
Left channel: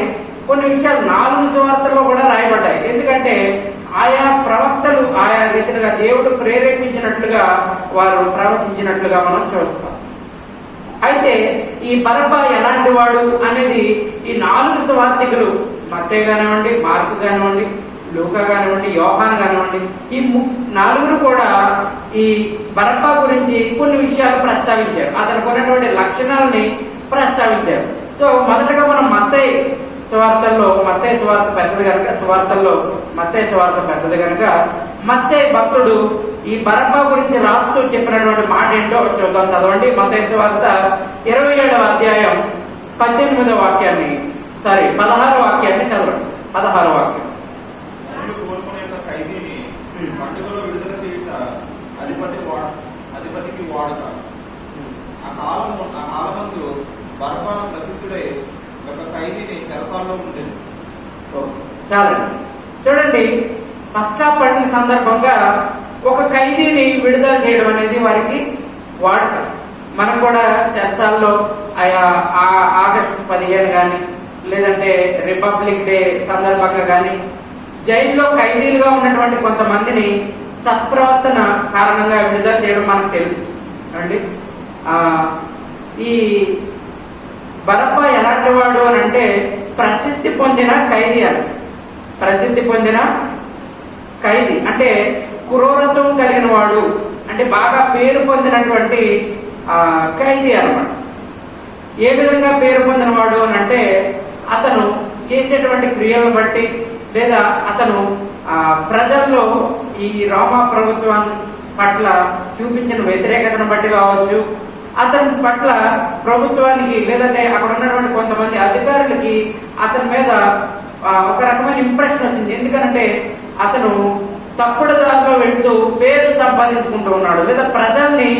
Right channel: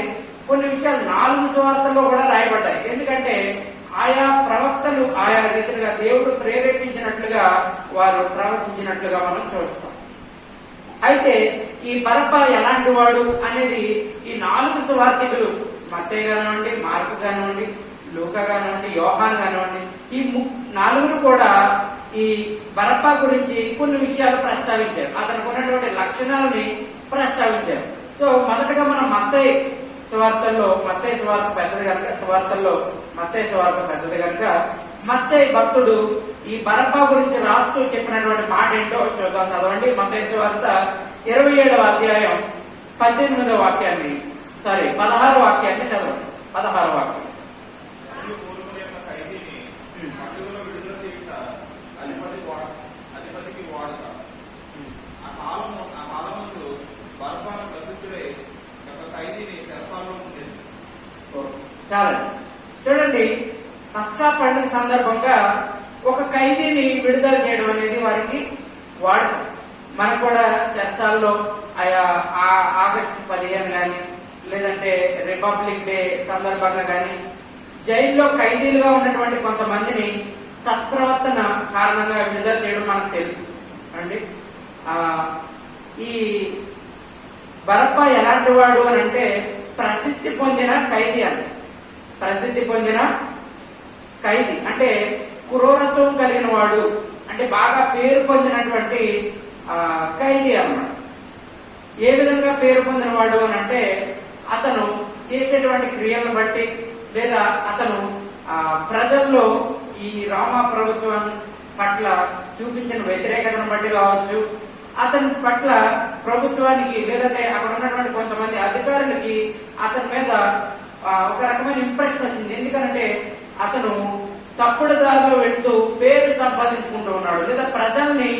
కొన్ని విషయాలు 4 సువార్తల్లో కూడా రాయబడ్డాయి. ఎందుకంటే ఆయా ప్రవక్తలు ఆయా రీతిగా దేవుడు ప్రేరేపించినట్లుగా వారు ప్రవచించినట్లుగా మనం చూస్తాం. అయితే ఈ బరబ్బా ఎలాంటి వాడు అనేది ఈ 4 సువార్తికులు మత్తయి కానివ్వండి, మార్కు కానివ్వండి, లూకా కానివ్వండి, యోహాన్ కానివ్వండి, ఈ 4 కూడా ఈ బరబ్బా గురించి కొన్ని విషయాలు ప్రస్తావించారు. అతనికి ఉన్నటువంటి లక్షణాలని ప్రస్తావించారు. సో మొదటగా మనం మత్తయి సువార్త పెద్దది కనుక మత్తయి భక్తుడు ఈ బరబ్బా గురించి రాస్తూ చెప్పినటువంటి మాట ఏంటో చూద్దాం. చదవండి. మత్తయి సువార్త 27వ అధ్యాయం 16వ వాక్యాన్ని 16వ వాక్యాన్ని చదవండి. 16వ వాక్యం. అధిపతికి వాడక ఆ కాలమందు బరబ్బాను ప్రసిద్ధుడై ఒక ఖైదీని చెరసాలలో ఉండేది. చాలండి. చూడండి, పస్కా పండుగ సందర్భంగా ఒక ఖైదీని విడుదల చేయడం అనేది వారికి వాడక. మనం కూడా చెరసాల్లో ఆగస్టు 15 కానీ లేదంటే రిపబ్లిక్ డే సందర్భంగా కానీ జైల్లో ఖైదీలుగా ఉన్నటువంటి కొంతమందిని సత్ప్రవర్తన కారణంగా విడుదల చేయడం మనకు తెలుసు అండి. ఈ బరబ్బా ఎలాంటి వాడు అని అంటే ప్రసిద్ధి పొందిన ఖైదీ అంటే క్రూరత్వం కలిగిన వాడు, అంటే బాగా పేరు పొందినటువంటి ఖైదీ అన్నమాట. ఏ విధంగా పేరు పొందిన వాడు అని అంటే అతను చేసేటువంటి క్రియలను బట్టి లేదా అతను ప్రజల్లో ఈ రోమా ప్రభుత్వం పట్ల చూపించిన వ్యతిరేకతను బట్టి కావచ్చు, అతని పట్ల ప్రభుత్వానికి లేదంటే అక్కడ ఉన్నటువంటి కొంతమంది అధికారులకి అతని మీద ఒక రకమైన ఇంప్రెషన్ వచ్చింది. ఎందుకంటే అతను తప్పుడు దారిలో వెళ్తూ పేరు సంపాదించుకుంటూ ఉన్నాడు, లేదా ప్రజల్ని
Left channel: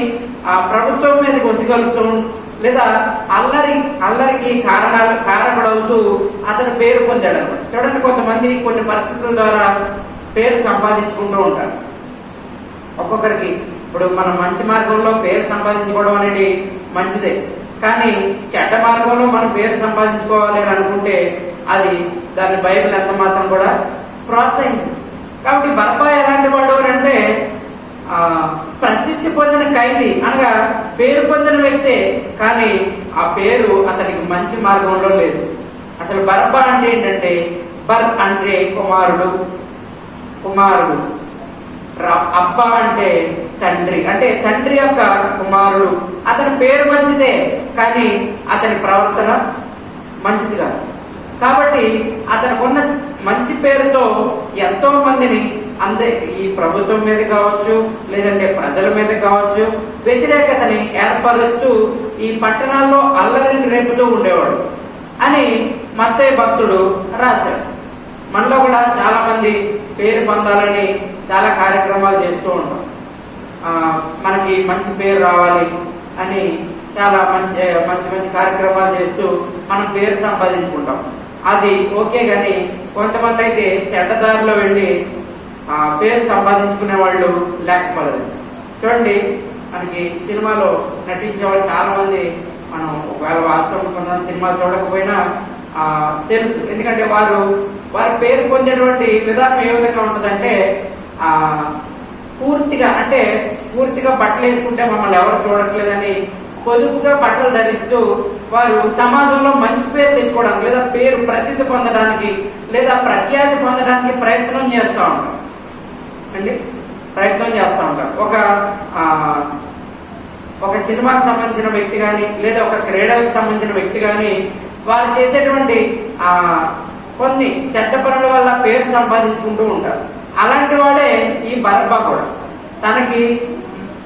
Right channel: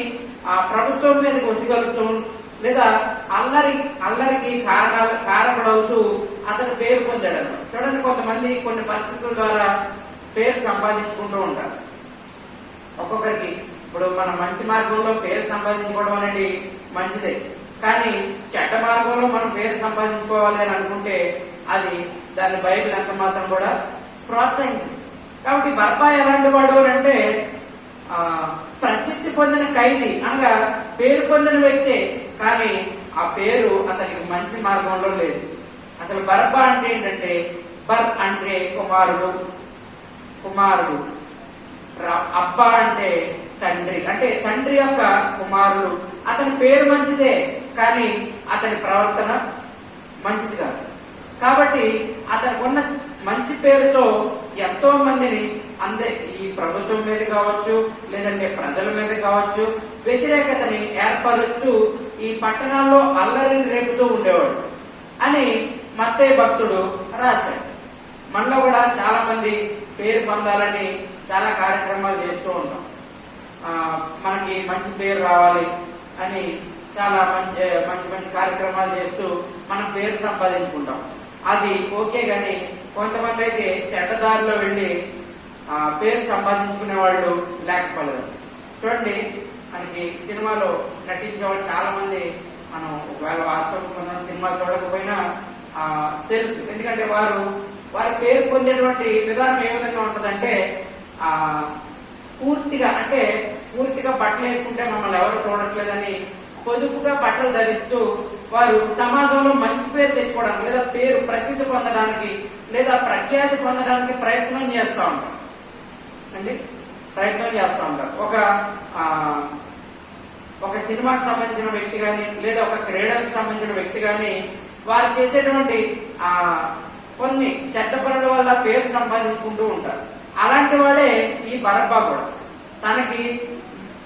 ఆ ప్రభుత్వం మీద కొసిగలుగుతూ, లేదా అల్లరికి కారణపడవుతూ అతను పేరు పొందాడు అనమాట. చూడండి, కొంతమంది కొన్ని పరిస్థితుల ద్వారా పేరు సంపాదించుకుంటూ ఉంటారు. ఒక్కొక్కరికి ఇప్పుడు మనం మంచి మార్గంలో పేరు సంపాదించుకోవడం అనేది మంచిదే, కానీ చెడ్డ మార్గంలో మనం పేరు సంపాదించుకోవాలి అని అనుకుంటే అది దాన్ని బైబిల్ ఎంత మాత్రం కూడా ప్రోత్సహించింది. కాబట్టి బర్బా ఎలాంటి వాడు అంటే ప్రసిద్ధి పొందిన ఖైదీ, అనగా పేరు పొందిన వ్యక్తే, కానీ ఆ పేరు అతనికి మంచి మార్గంలో లేదు. అసలు బర్బా అంటే ఏంటంటే, బర్ అంటే కుమారుడు, అబ్బా అంటే తండ్రి, అంటే తండ్రి యొక్క కుమారుడు. అతని పేరు మంచిదే, కానీ అతని ప్రవర్తన మంచిది కాదు. కాబట్టి అతనికి ఉన్న మంచి పేరుతో ఎంతో మందిని ఈ ప్రభుత్వం మీద కావచ్చు, లేదంటే ప్రజల మీద కావచ్చు, వ్యతిరేకతని ఏర్పరుస్తూ ఈ పట్టణాల్లో అల్లరిని రేపుతూ ఉండేవాడు అని మత్తయి భక్తుడు రాశాడు. మనలో కూడా చాలా మంది పేరు పొందాలని చాలా కార్యక్రమాలు చేస్తూ ఉంటాం. మనకి మంచి పేరు రావాలి అని చాలా మంచి మంచి కార్యక్రమాలు చేస్తూ మనం పేరు సంపాదించుకుంటాం. అది ఓకే, గాని కొంతమంది అయితే చెడ్డదారిలో వెళ్ళి పేరు సంపాదించుకునే వాళ్ళు లేకపోలేదు. చూడండి, మనకి సినిమాలో నటించే వాళ్ళు చాలా మంది, మనం ఒకవేళ వాస్తవం కొంతమంది సినిమా చూడకపోయినా తెలుసు. ఎందుకంటే వారి పేరు పొందేటువంటి విధానం ఏ విధంగా ఉంటుందంటే, పూర్తిగా బట్టలు వేసుకుంటే మమ్మల్ని ఎవరు చూడట్లేదని పొదుపుగా బట్టలు ధరిస్తూ వారు సమాజంలో మంచి పేరు తెచ్చుకోవడానికి, లేదా పేరు ప్రసిద్ధి పొందడానికి, లేదా ప్రఖ్యాతి పొందడానికి ప్రయత్నం చేస్తూ ఉంటారు. ఒక సినిమాకి సంబంధించిన వ్యక్తి కానీ, లేదా ఒక క్రీడలకు సంబంధించిన వ్యక్తి కానీ, వారు చేసేటువంటి కొన్ని చెడ్డ పనుల వల్ల పేరు సంపాదించుకుంటూ ఉంటారు. అలాంటి వాడే ఈ బరబ్బా కూడా. తనకి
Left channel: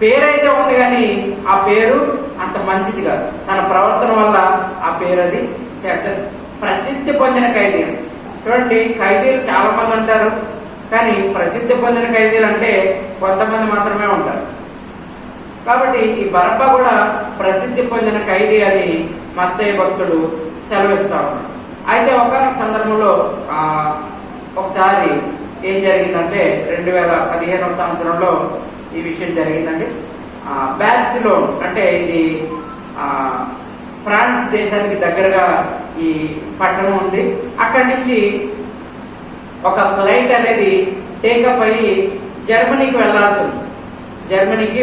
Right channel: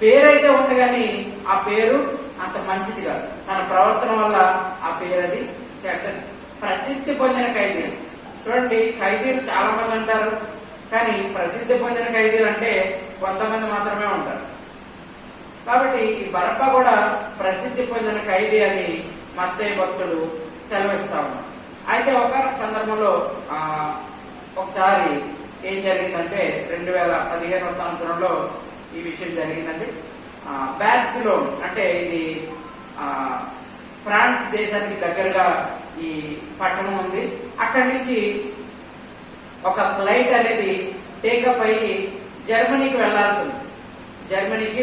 పేరైతే ఉంది కానీ ఆ పేరు అంత మంచిది కాదు. తన ప్రవర్తన వల్ల ఆ పేరు అది చెడ్డది. ప్రసిద్ధి పొందిన ఖైదీలు, చూడండి, ఖైదీలు చాలా మంది ఉంటారు, కానీ ప్రసిద్ధి పొందిన ఖైదీలు అంటే కొంతమంది మాత్రమే ఉంటారు. కాబట్టి ఈ బరబ్బా కూడా ప్రసిద్ధి పొందిన ఖైదీ అని మత్తయి భక్తుడు సెలవిస్తా ఉన్నాడు. అయితే ఒక సందర్భంలో ఒకసారి ఏం జరిగిందంటే, 2015 సంవత్సరంలో ఈ విషయం జరిగిందండి. బార్సిలోనా అంటే ఇది ఫ్రాన్స్ దేశానికి దగ్గరగా ఈ పట్టణం ఉంది. అక్కడి నుంచి ఒక ఫ్లైట్ అనేది టేకప్ అయ్యి జర్మనీకి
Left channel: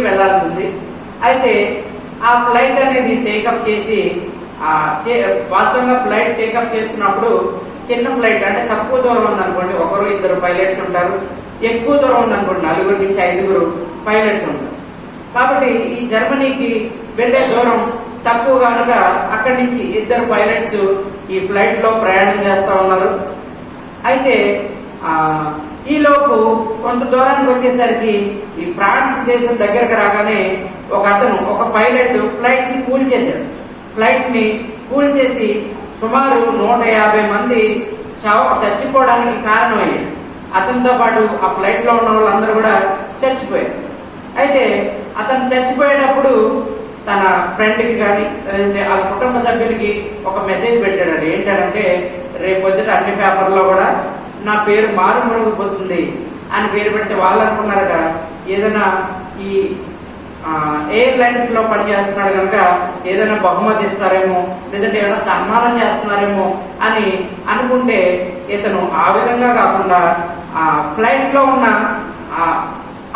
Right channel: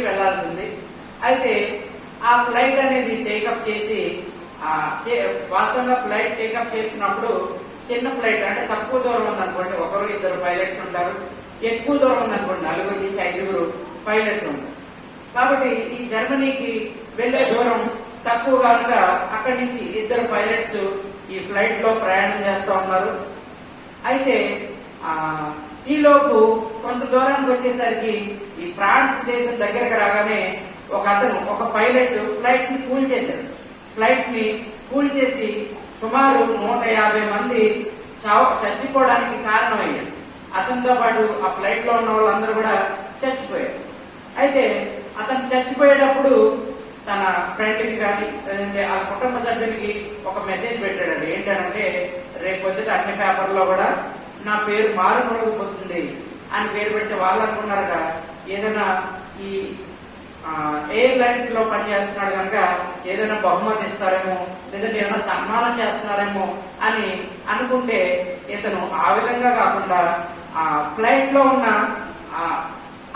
వెళ్లాల్సి ఉంది. అయితే ఆ ఫ్లైట్ అనేది టేకప్ చేసి వాస్తవంగా ఫ్లైట్ టేకప్ చేస్తున్నప్పుడు చిన్న ఫ్లైట్ అంటే తక్కువ దూరం ఉందనుకోండి, 1-2 పైలట్స్ ఉంటారు. ఎక్కువ దూరం ఉందనుకోండి, 4 నుంచి 5 పైలట్స్ ఉంటారు. కాబట్టి ఈ జర్మనీకి వెళ్లే దూరం తక్కువ కనుక అక్కడి నుంచి 2 పైలట్స్ ఈ ఫ్లైట్ లో ప్రయాణం చేస్తా ఉన్నారు. అయితే ఈలోపు కొంత దూరానికి వచ్చేసరికి ఈ ఫ్రాన్స్ దేశం దగ్గరకు రాగానే ఒక పైలట్ ఫ్లైట్ ని కూల్ చేసి సుమారు 150 మంది చచ్చిపోవడానికి కారణమయ్యాడు. అతనితో పాటు ఆ ఫ్లైట్ లో ఉన్న వాళ్ళందరూ కూడా చచ్చిపోయారు. అయితే అతను చచ్చిపోయేటప్పుడు తన ఫ్రెండ్ కి కానీ, వాళ్ళ కుటుంబ సభ్యులకి ఒక మెసేజ్ పెట్టాడు. ఏంటంటే, రేపు వచ్చేట అన్ని పేపర్లో కూడా నా పేరు మారుమరుగుపోతుంది అని పేరు పెడితే వాళ్ళు అనుకున్నారట, ఏదైనా ఈ ఎయిర్లైన్స్ లో పనిచేస్తున్నాడు కనుక ఏదైనా బహుమతి ఇస్తారేమో, లేదంటే ఏదైనా సన్మానం చేస్తున్నారేమో అని అనుకుంటే, ఇతను ఆ విధంగా కాకుండా ఆ ఫ్లైట్ లో ఉన్న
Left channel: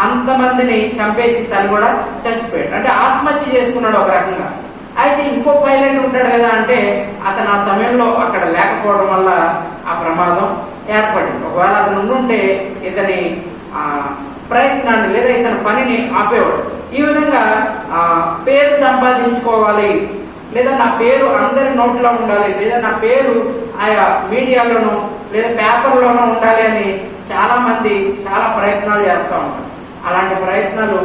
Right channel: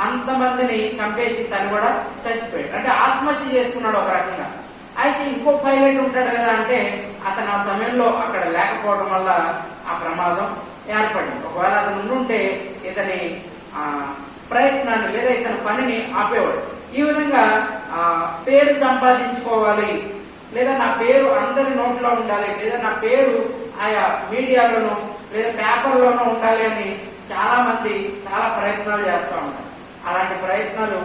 అంతమందిని చంపేసి తను కూడా చచ్చిపోయాడు. అంటే ఆత్మహత్య చేసుకున్నాడు ఒక రకంగా. అయితే ఇంకో పైలట్ ఉంటాడు కదా, అంటే అతను ఆ సమయంలో అక్కడ లేకపోవడం వల్ల ఆ ప్రమాదం ఏర్పడింది. ఒకవేళ అతను ఉంటే ఇతని ప్రయత్నాన్ని లేదా ఇతని పనిని ఆపేవాడు. ఈ విధంగా పేరు సంపాదించుకోవాలి, లేదా నా పేరు అందరి నోట్లో ఉండాలి, లేదా నా పేరు ఆయా మీడియాలోనూ లేదా పేపర్లోనూ ఉండాలి అని చాలా మంది చాలా ప్రయత్నాలు చేస్తూ ఉంటారు. అలాంటి ప్రయత్నాలు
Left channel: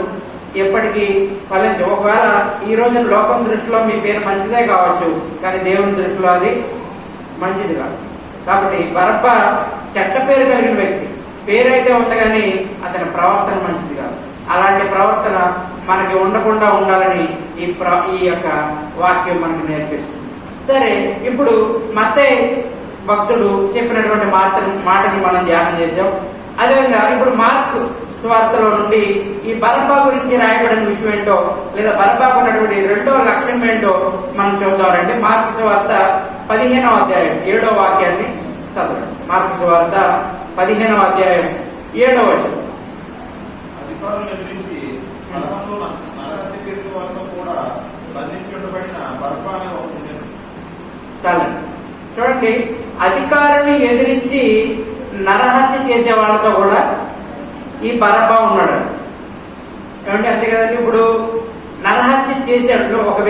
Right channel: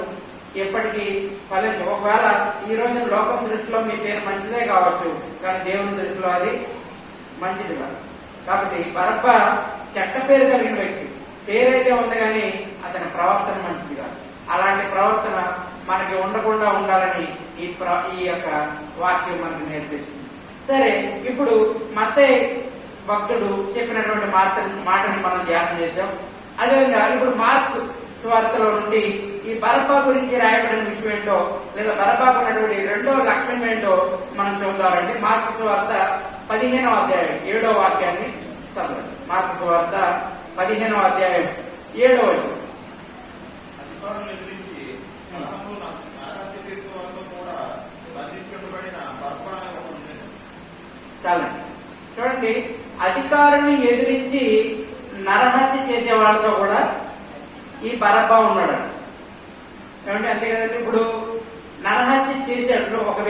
ఎప్పటికీ ఫలించవు. ఒకవేళ ఈ రోజు లోకం దృష్టిలో మీ పేరు మంచిదే కావచ్చు, కానీ దేవుని దృష్టిలో అది మంచిది కాదు. కాబట్టి బరబ్బా చెడ్డ పేరు కలిగిన వ్యక్తి. పేరైతే ఉంది కానీ అతని ప్రవర్తన మంచిది కాదు. అలాంటి ప్రవర్తన మనకి ఉండకుండా ఉండాలని ఈ యొక్క వాక్యం మనకు నేర్పిస్తుంది. సరే, ఇప్పుడు మత్తయి భక్తుడు చెప్పినటువంటి మాటని మనం ధ్యానం చేశాం. అదేవిధంగా ఇప్పుడు మార్కు సువార్తలో నుండి ఈ బరబ్బా గురించి రాయబడిన విషయం ఏంటో, లేదా బరబ్బాకు ఉన్నటువంటి రెండవ లక్ష్యం ఏంటో మనం చూద్దామంటే మార్కు సువార్త 15వ అధ్యాయం 7వ వాక్యాన్ని చదవండి. మార్కు సువార్త 15వ అధ్యాయం 7వ వచనం. అధికారులను ఎదిరించి నరహంలో నరహత్య చేసిన వారితో కూడా బంధించబడిన బరబ్బా అనే ఒకడు ఉండెను. చాలండి, చూడండి, అధికారుని ఎదిరించి నరహత్య చేసే వాళ్ళతో కూడా ఈ బరబ్బా ఉన్నాడు. ఏమంటే అంతే కదండి. ఇప్పుడు నరహత్య చేసేటప్పుడు ఒక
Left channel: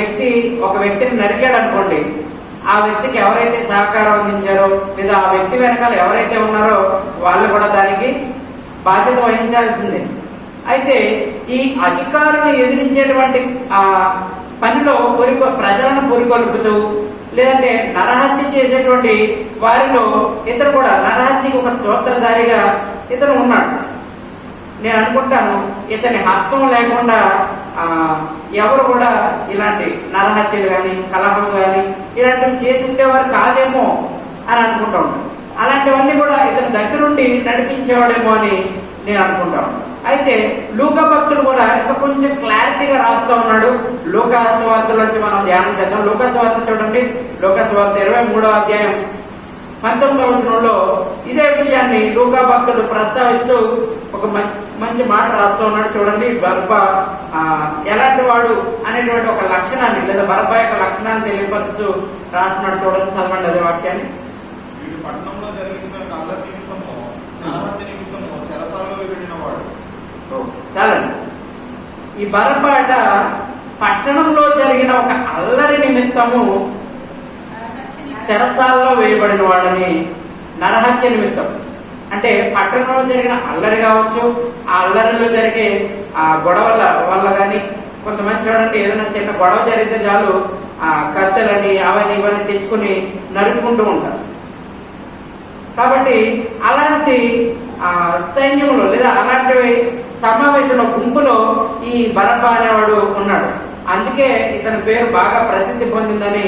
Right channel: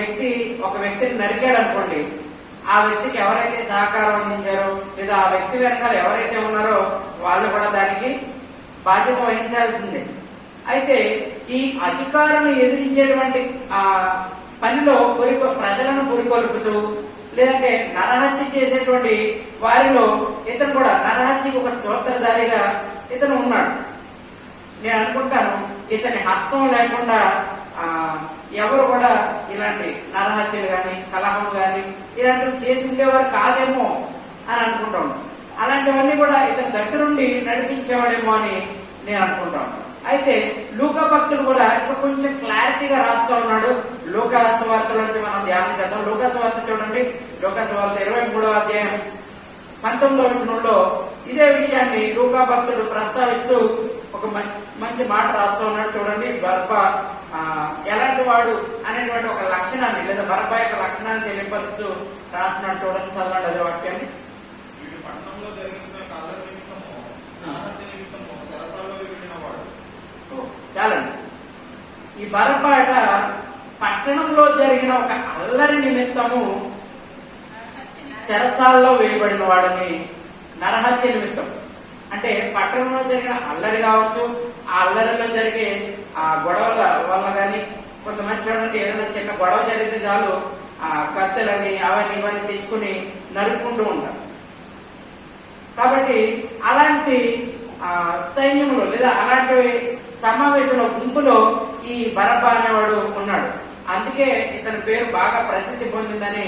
వ్యక్తిని నరికాడు అనుకోండి, ఆ వ్యక్తికి ఎవరైతే సహకారం అందించారో లేదా ఆ వ్యక్తి వెనకాల ఎవరైతే ఉన్నారో వాళ్ళు కూడా దానికి బాధ్యత వహించాల్సిందే. అయితే ఈ అధికారులను ఎదిరించేటువంటి ఆ పనిలో ప్రజలను పురికొల్పుతూ లేదంటే నరహత్య చేసేటువంటి వారిలో ఇతను కూడా నరహత్యకు ఒక సూత్రధారిగా ఇతను ఉన్నాడు. నేను అనుకుంటాను ఇతని హస్తం లేకుండా ఎవరు కూడా ఇలాంటి నరహత్యలు కానీ కలహం కానీ ఇలాంటివి చేసి ఉండేవారు కాదేమో అని అనుకుంటా ఉన్నాను. అలాంటివన్నీ కూడా ఇతని దగ్గరుండి నడిపించేవాడేమో అని నేను అనుకుంటాను. అయితే లూకా భక్తుడు కూడా ఇంకా కొంచెం క్లారిటీగా రాస్తా ఉన్నాడు. లూకా సువార్త నుంచి మనం ధ్యానం చేద్దాం. లూకా సువార్త చూడండి, లూకా సువార్త 23వ అధ్యాయం 19వ వచనంలో ఇదే విషయాన్ని లూకా భక్తుడు ప్రస్తావిస్తూ ఒక మంచి మాట రాస్తూ ఉన్నాడు. చూడండి, బరబ్బా ఎలాంటి వాడు అనేటువంటి ఒక లక్షణాన్ని లేదా బరబ్బా యొక్క లక్షణాన్ని తెలియపరుస్తూ రాస్తున్నాడు. చూడండి, చదవండి అదే వాక్యాన్ని. వీడు పట్టణంలో జరిగిన అల్లరి నిమిత్తము నరహత్య నిమిత్తము చెరసాలలో వేయబడినవాడు. చాలండి, ఈ బరబ్బాట పట్టణంలో జరిగిన ఒక అల్లరి నిమిత్తము చెరసాలలో వేయబడిన వాడని, నరహత్య నిమిత్తం అంటే పట్టణంలో జరిగిన అల్లరి కావచ్చు, ఆ అల్లరిలో జరిగే ఆ గొడవల వల్ల కానీ కొంతమంది చూడండి, ఏదైనా చిన్న గొడవ జరిగితే చాలు కత్తెలని అవన్నీ ఇవన్నీ తెచ్చుకుని నరుక్కుంటూ ఉంటారు. కాబట్టి అలాంటి సైన్యంలో లేదా అలాంటి సమావేశంలో గుంపులో ఈ బరబ్బా అనేవాడు ఉన్నాడు. అందుకే ఇతని పేరు బాగా ప్రసిద్ధి పొందిందని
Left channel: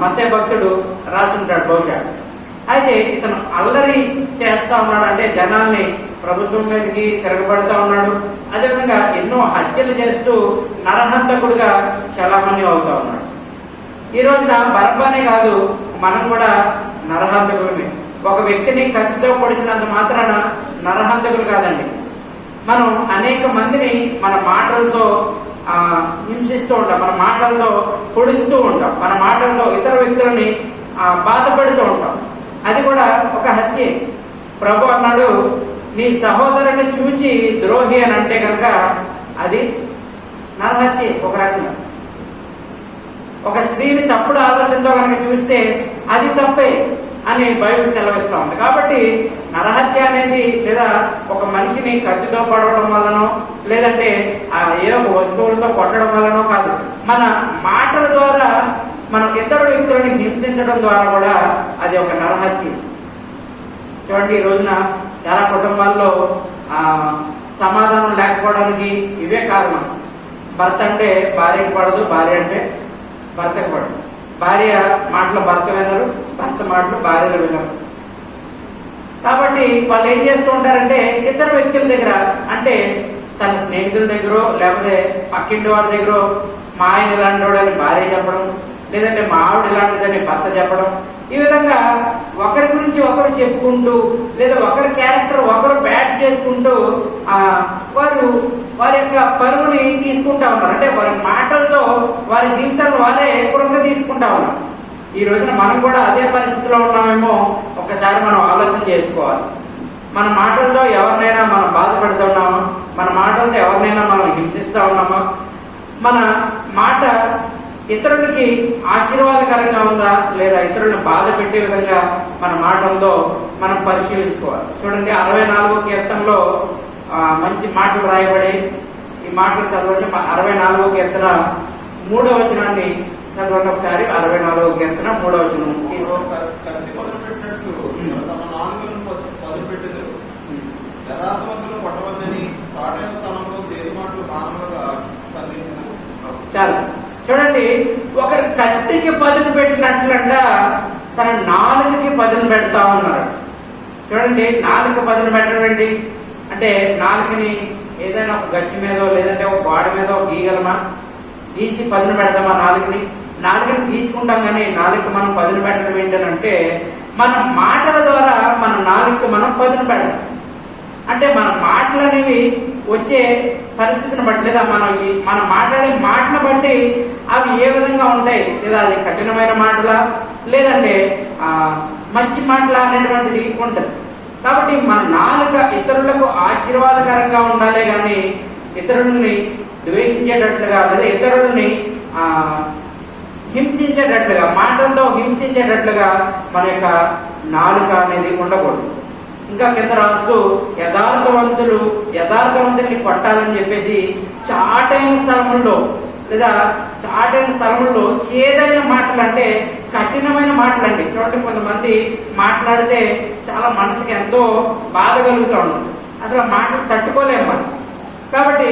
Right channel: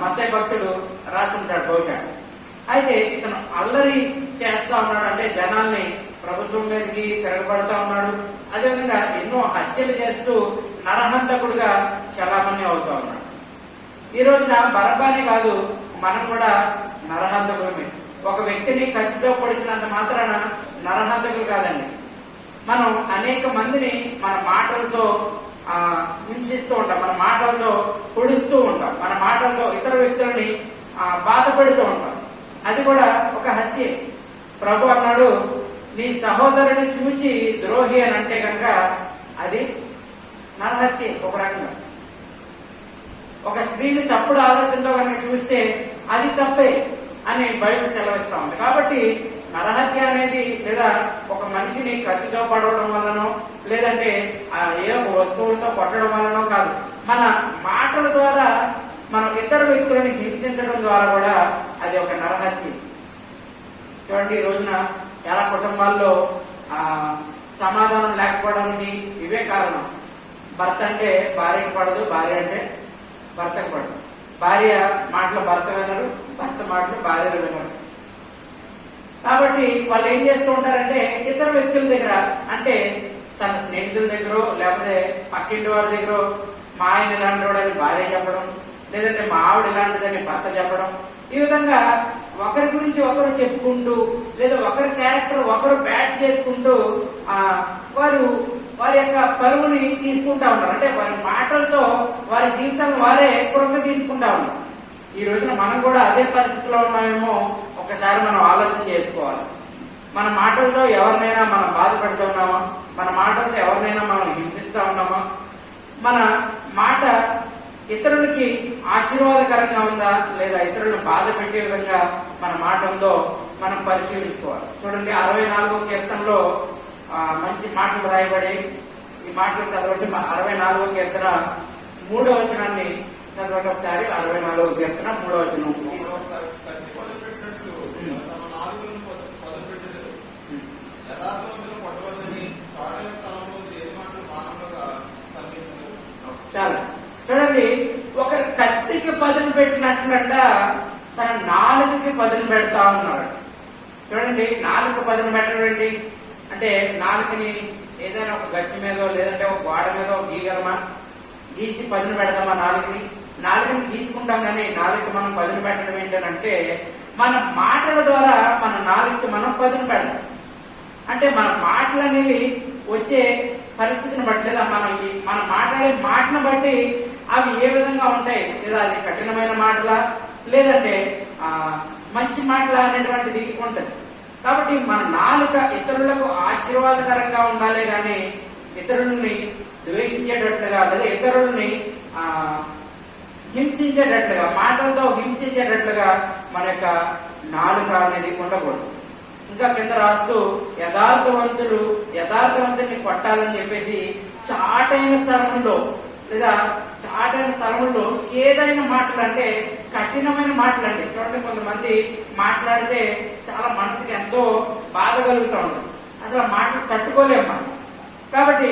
మత్తయి భక్తుడు రాసుంటాడు బహుశా. అయితే ఇతను అల్లరి చేస్తా ఉన్నాడు, అంటే జనాల్ని ప్రభుత్వం మీదకి తిరగబడతా ఉన్నాడు. అదేవిధంగా ఎన్నో హత్యలు చేస్తూ నరహంతకుడుగా చలామణి అవుతా ఉన్నాడు. ఈ రోజున బరబ్బానే కాదు, మనం కూడా నరహంతకులమే. ఒక వ్యక్తిని కత్తితో పొడిచినంత మాత్రాన నరహంతకులు కాదండి. మనం అనేక మందిని మన మాటలతో హింసిస్తూ ఉంటాం, మన మాటలతో పొడుస్తూ ఉంటాం, మన మాటలతో ఇతర వ్యక్తులని బాధపడుతూ ఉంటాం. అది కూడా ఒక హత్య. ప్రభు అన్నాడు, నీ సహోదరుని చూచి ద్రోహి అని అంటే కనుక అది నరహత్య. ఒక రకంగా ఒక స్త్రీని తప్పుడు ఆలోచనతో కనుక చూస్తే అది తప్పే అని బైబిల్ సెలవిస్తా ఉంది. కాబట్టి నరహత్య అనేది లేదా ఒక మనిషిని కత్తితో పడవడం వల్లనో లేదంటే ఏ ఒక వస్తువులతో కొట్టడం వల్లనో కాదు, మన మాటల ద్వారా మనం ఇతర వ్యక్తులని హింసించడం ద్వారా కూడా అది ఒక నరహత్య. చూడండి, ఈ రోజున చాలా కుటుంబాల్లో సమాధానం లేకపోవడానికి ఇవే కారణం. భర్త అంటే భార్యకు పడదు, భార్య అంటే భర్తకు పడదు. భార్య మాటలు భర్త వినరు, భర్త మాటలు భార్యలు వినరు. కాబట్టి వాళ్ళు ఏం చేస్తూ ఉంటారంటే ఇతర వ్యక్తుల దగ్గర, అంటే తన స్నేహితుల దగ్గర లేకపోతే పక్కింటి వాళ్ళ దగ్గర మా ఆయన ఇలాంటి వాడని భార్య చెప్పడం, లేదంటే మా ఆవిడ ఇలాంటిదని భర్త చెప్పడం, ఈ విధంగా ఒకరి గురించి ఒకరు చెప్పుకుంటూ లేదా ఒకరి క్యారెక్టర్ ఒకరు బ్యాడ్ చేసుకుంటూ వారి యొక్క పరువుని తీసుకుంటా ఉన్నారు. అంటే వారి మాటలతో వారి జీవితాలను వారే పురంగా తీసుకుంటా ఉన్నారు. ఈ రోజున మనం కూడా అదే పరిస్థితిలో ఉన్నామేమో ఒకసారి మనం ఆలోచన చేసుకోవాలి. మన మాటలతో ఎవరినైనా మనం బాధపడుతున్నామా? మన మాటలతో ఎవరినైనా మనం హింసిస్తా ఉన్నామా? మన మాట ఇతరులకి ఆశీర్వాదకరంగా ఉందా లేదా ఇతరులను బాధ పెట్టే విధంగా మన మాట ఉందో మనం పరిశీలించుకోవాలి. చూడండి, 64వ కీర్తనలో మంచి మాటలు రాయబడి, ఈ మాటలు చదవండి. 64వ కీర్తన 3వ వచనాన్ని చదవండి ఒకసారి. 64వ కీర్తన 3వ వచనం. చూడండి, ఒకరు కత్తికి పదును పెట్టినట్లంట తన నాలుకకి పదును పెడతా ఉన్నారు. చూడండి, నాలుక పదును పెట్టడండి అంటే నాలుకని ఏదైనా ఒక గచ్చి మీదో లేదంటే ఒక గోడ మీద గీయగలమా? గీసి పదును పెడదామా? నాలుకని తీసుకుంటాం కానీ నాలుక మనం పదును పెట్టడం ఏంటంటే మన మాటల ద్వారా మన నాలుక మనం పదును పెడదాం. అంటే మన మాటలు అనేవి వచ్చే పరిస్థితిని బట్టి లేదా మనం మాట్లాడే మాటను బట్టి అవి ఏ విధంగా ఉంటాయి, లేదా అది కఠినమైన మాటలా లేదంటే మంచి మాటలా అనేటువంటిది ఉంటుంది. కాబట్టి మన నాలుక ఇతరులకు ఆశీర్వాదకరంగా ఉండాలి కానీ ఇతరులని ద్వేషించేటట్లుగా లేదా ఇతరులని హింసించేటట్లుగా మాటలతో హింసించేటట్లుగా మన యొక్క నాలుక అనేది ఉండకూడదు. ఇంకా కింద రాస్తూ యథార్థవంతుల్ని కొట్టాలని చెప్పేసి చాటైన స్థలముల్లో చేదైన మాటలు అంటే కఠినమైన మాటలండి. చూడండి, కొంతమంది మాట్లాడితే చాలా మనసుకి ఎంతో బాధ కలుగుతూ ఉంటుంది. అసలు మాటలు తట్టుకోలేము మనం. కాబట్టి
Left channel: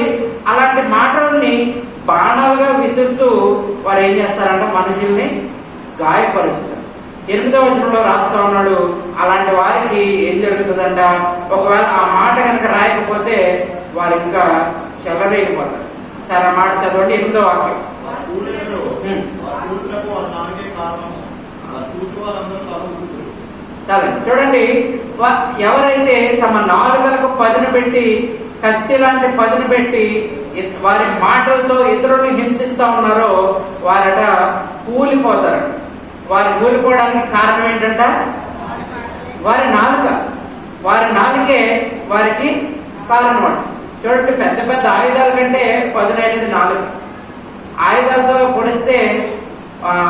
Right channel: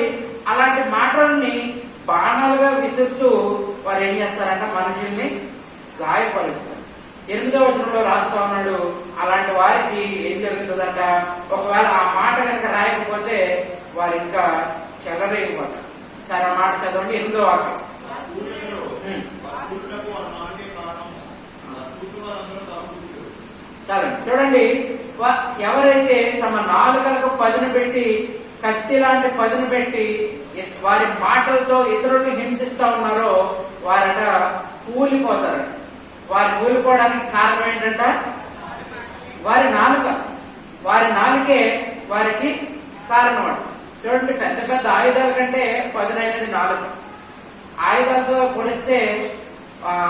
అలాంటి మాటలని బాణాలుగా విసురుతూ వారు ఏం చేస్తారంటే మనుషుల్ని గాయపరుస్తారు. 8వ వచనంలో రాస్తా ఉన్నాడు, అలాంటి వారికి ఏం జరుగుతుందంట, ఒకవేళ ఆ మాట కనుక రాయకపోతే వారు ఇంకా చెలరేగిపోతారు. సరే, ఆ మాట చదవండి. 8వ వాక్యం. సరే, చూడండి, ఎవరైతే తమ నాలుకలకు పదును పెట్టి కత్తి లాంటి పదును పెట్టి వారి మాటలతో ఇతరులను హింసిస్తా ఉన్నారో వారట కూలిపోతారు. వారు కూలిపోవడానికి కారణం ఏంటంట వారి నాలుకే వారికి కారణం. చూడండి, పెద్ద పెద్ద ఆయుధాల కంటే పదునైనది నాలుక. ఆయుధాలతో పొడిస్తే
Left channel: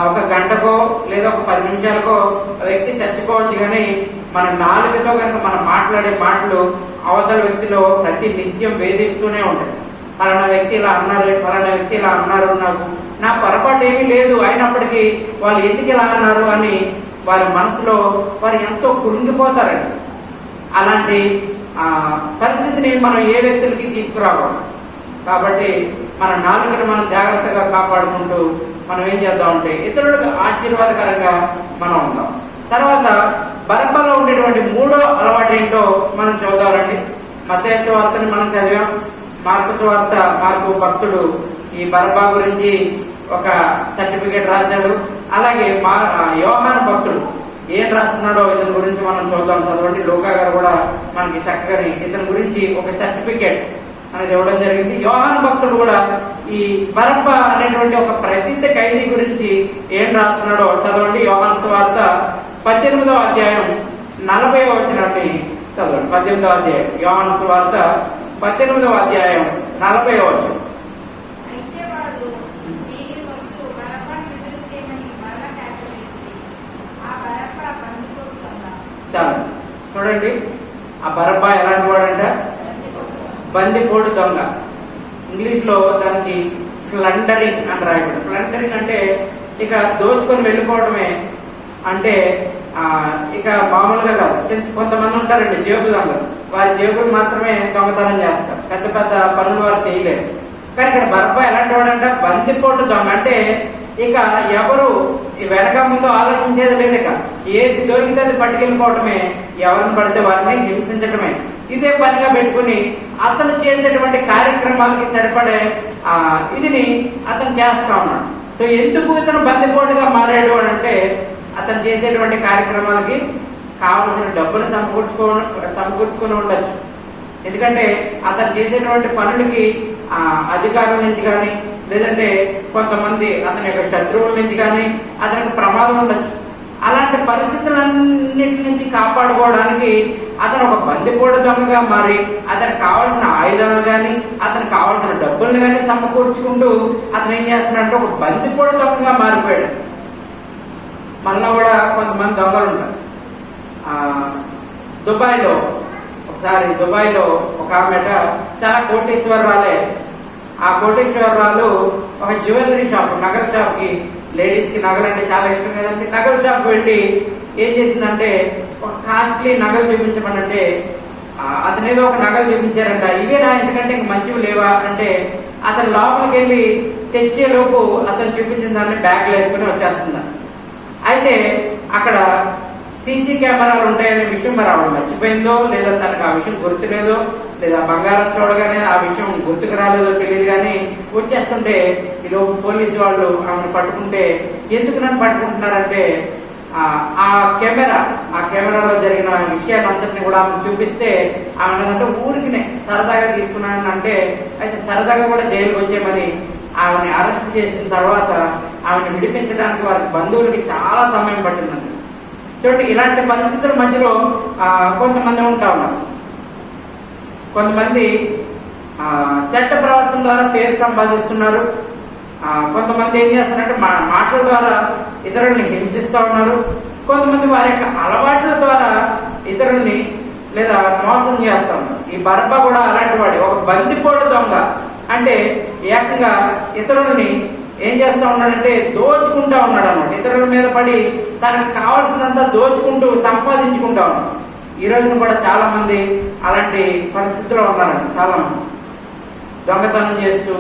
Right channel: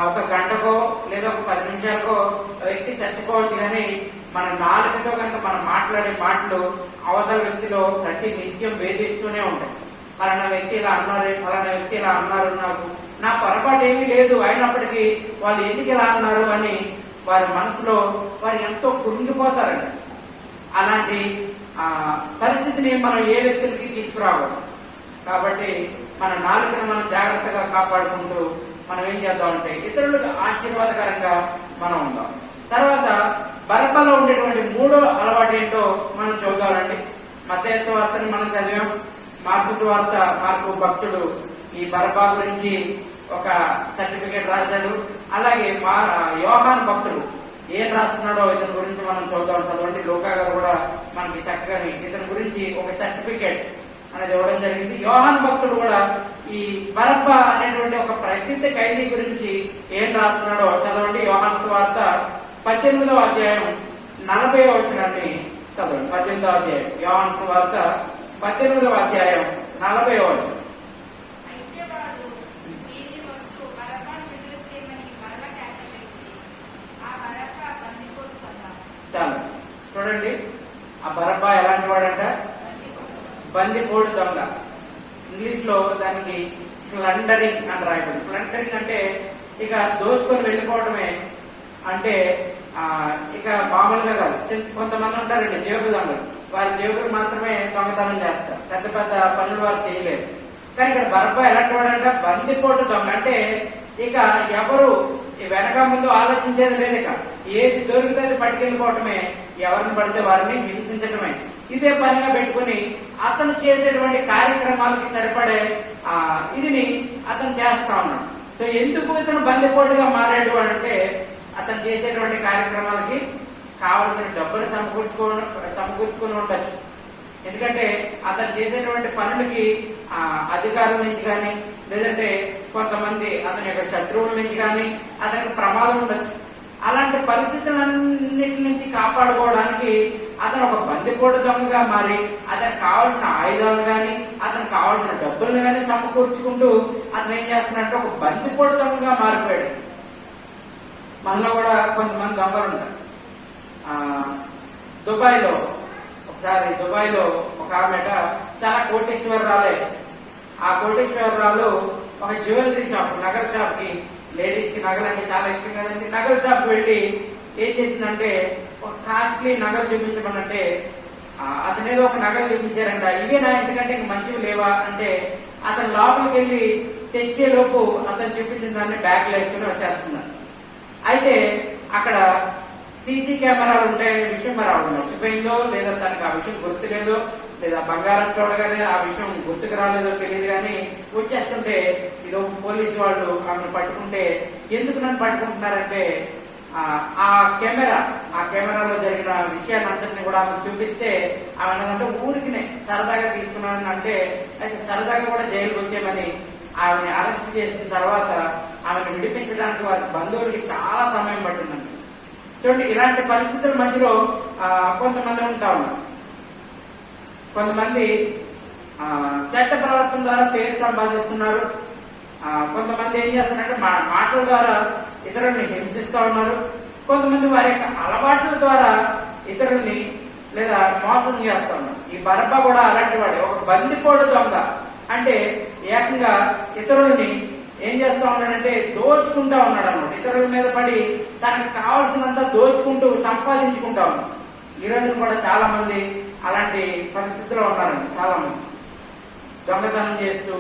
ఒక గంటకో లేదా ఒక 10 నిమిషాలకో వ్యక్తి చచ్చిపోవచ్చు. కానీ మన నాలుకతో కనుక మనం మాట్లాడే మాటలు అవతల వ్యక్తిలో ప్రతి నిత్యం వేధిస్తూనే ఉంటాయి. పలానా వ్యక్తి ఇలా అన్నారు, పలానా వ్యక్తి ఇలా అన్నారు, నా పొరపాటు ఏమీ లేదు, అయినప్పటికీ వాళ్ళు ఎందుకు ఇలా అన్నారు అని వారి మనసులో వారు ఎంతో కురింగిపోతారండి. అలాంటి పరిస్థితిని మనం ఏ వ్యక్తులకి తీసుకురాకూడదు. కాబట్టి మన నాలుకని మనం జాగ్రత్తగా కాపాడుకుంటూ మనం ఏం చేద్దామంటే ఇతరులకు ఆశీర్వాదకరంగా మనం ఉందాం. తర్వాత బరబ్బలో ఉండేటువంటి 3వ అలవాటు ఏంటో మనం చూద్దామండి. మత్తయి సువార్తని మనం చదివాం. మార్కు సువార్త, మార్కు భక్తుడు ఈ బరబ్బా గురించి ఒక సర్టిఫికేట్ రాశాడు. అలాగే యోహాను భక్తుడు ఏం రాస్తున్నాడో ఇతని గురించి మనం చూద్దాం. చదవండి. లూకా గారు కూడా మనకి చక్కగా ఇతని గురించి ఒక సర్టిఫికేట్ అనేది ఇవ్వడం జరిగింది. యోహాను భక్తుడు కూడా ఈ బరబ్బా అనేటువంటి ఒక ప్రసిద్ధ ఖైదీ గురించి ఏం రాస్తున్నాడో చదవండి. యోహాను సువార్త 18వ అధ్యాయం 40వ వచనాన్ని చదవండి. 18వ అధ్యాయం యోహాను సువార్త 18వ అధ్యాయం 40వ వచనం. చాలా చూడండి, ఆ బరబ్బా ఎలాంటి వాడంట? బందిపోడు దొంగ. ఇంగ్లీష్ లో దానికి ప్లండరింగ్ అని రాయబడి. ప్లండరింగ్ అంటే ఇక దోచుకొని వెళ్ళిపోవడమే. అంటే ఇక మామూలుగా కాదు. కొంతమంది ఉంటారండి జేబు దొంగలు. వారి జేబులు మాత్రమే దొంగతనం చేస్తారు, పెద్ద పెద్ద పనులు వారు చేయలేరు. కానీ ఇక్కడ బరబ్బా ఎలాంటి వాడంట? బందిపోటు దొంగ. అంటే ఇక ఎవరు వెనక ముందు ఆలోచించేది లేదు. ఇక ఏది దొరికితే అది పట్టుకెళ్ళిపోవడమే, ఎవరిని పడితే వారిని హింసించడమే. ఇదే పనిగా పెట్టుకుని అతను చేసేటువంటి కార్యక్రమాలకి సరిపడే ఇదిని అతను చేస్తా ఉన్నాడు. సో ఎందుకు ఇతను బందిపోటుగా మారాడు అని అంటే అతను చేసేటువంటి కార్యక్రమాలకి కావలసిన డబ్బులు సమకూర్చుకుని ఉండొచ్చు. ఎందుకంటే అతను చేసేటువంటి పనులకి అధికారుల నుంచి కానీ లేదంటే కొంతమంది అతని యొక్క శత్రువుల నుంచి కానీ అతనికి ప్రమాదం ఉండొచ్చు. అలాంటి పరిస్థితులన్నిటి నుంచి కాపాడుకోవడానికి అతను ఒక బందిపోటు దొంగగా మారి అతనికి కావాల్సిన ఆయుధాలు కానీ అతనికి కావాల్సిన డబ్బులు కానీ సమకూర్చుకుంటూ అతను ఏం చేస్తున్నాడంటే ఒక బందిపోటు దొంగగా మారిపోయాడు. మనలో కూడా కొంతమంది దొంగలు ఉంటారు. దుబాయ్లో ఒక ఆమెట చాలా కోటీశ్వరరాలే. ఆ కోటీశ్వరరాలు ఒక జ్యువెలరీ షాప్, నగల షాప్ కి, లేడీస్ కి నగలు అంటే చాలా ఇష్టం కదండి, నగల షాప్ కి వెళ్ళి ఏం చేసిందంటే ఒక కాస్ట్లీ నగలు చూపించమనంటే అతను ఏదో ఒక నగలు చూపించారంట. ఇవే నా ఎందుకంటే ఇంక మంచివి లేవా అంటే అతను లోపలికి వెళ్ళి తెచ్చేలోపు అతను చూపించిన దాన్ని బ్యాగ్లో వేసుకుని వచ్చేస్తున్నారు. అయితే అక్కడ సీసీ కెమెరాలు ఉంటాయనే విషయం మరి ఆవిడ మర్చిపోయిందో, లేదా తనకు ఆ విషయం గుర్తులేదో, లేదా బంగారం చూడగానే ఆ విషయం గుర్తుకు రాలేదో తెలియదు, కానీ వచ్చేస్తుంటే ఈలోపు పోలీసు వాళ్ళు ఆమెను పట్టుకుంటే, ఎందుకు నన్ను పట్టుకుంటున్నారంటే ఆ కెమెరాలో జరిగిన విషయాలంతటిని కూడా ఆమె చూపిస్తే ఆమె అంటే ఊరికినే సరదాగా తీసుకున్నాను అంటే, అయితే సరదాగా కూడా జైలుకి వచ్చేయమని ఆమెని అరెస్ట్ చేసిన తర్వాత ఆమెను విడిపించడానికి వారి బంధువులకి చాలా సమయం పట్టిందండి. చూడండి, ఇలాంటి పరిస్థితుల మధ్యలో కొంతమంది ఉంటా ఉన్నారు. కొంతమంది చట్ట ప్రవర్తన ద్వారా పేరు సంపాదిస్తున్నారు. కొంతమంది ఏం చేస్తారంటే మాటల ద్వారా ఇతరుల్ని హింసిస్తూ ఉన్నారు. కొంతమంది వారి యొక్క అలవాట్ల ద్వారా ఇతరుల్ని లేదా మోసం చేస్తా ఉన్నారు. ఈ బరబ్బా కూడా అలాంటి వాడి, ఒక బందిపోటు దొంగ. అంటే ఏకంగా ఇతరుల్ని ఏం చేస్తా ఉన్నాడంటే దోచుకుంటా ఉన్నాడు అన్నమాట. ఇతరుల మీద పడి తనకు కావాల్సినంత దోచుకుంటూ సంపాదించుకుంటా ఉన్నాడు. ఈ రోజున కూడా చాలా మంది అలాంటి పరిస్థితిలో ఉన్నారండి. చాలా మంది దొంగతనం చేస్తూ,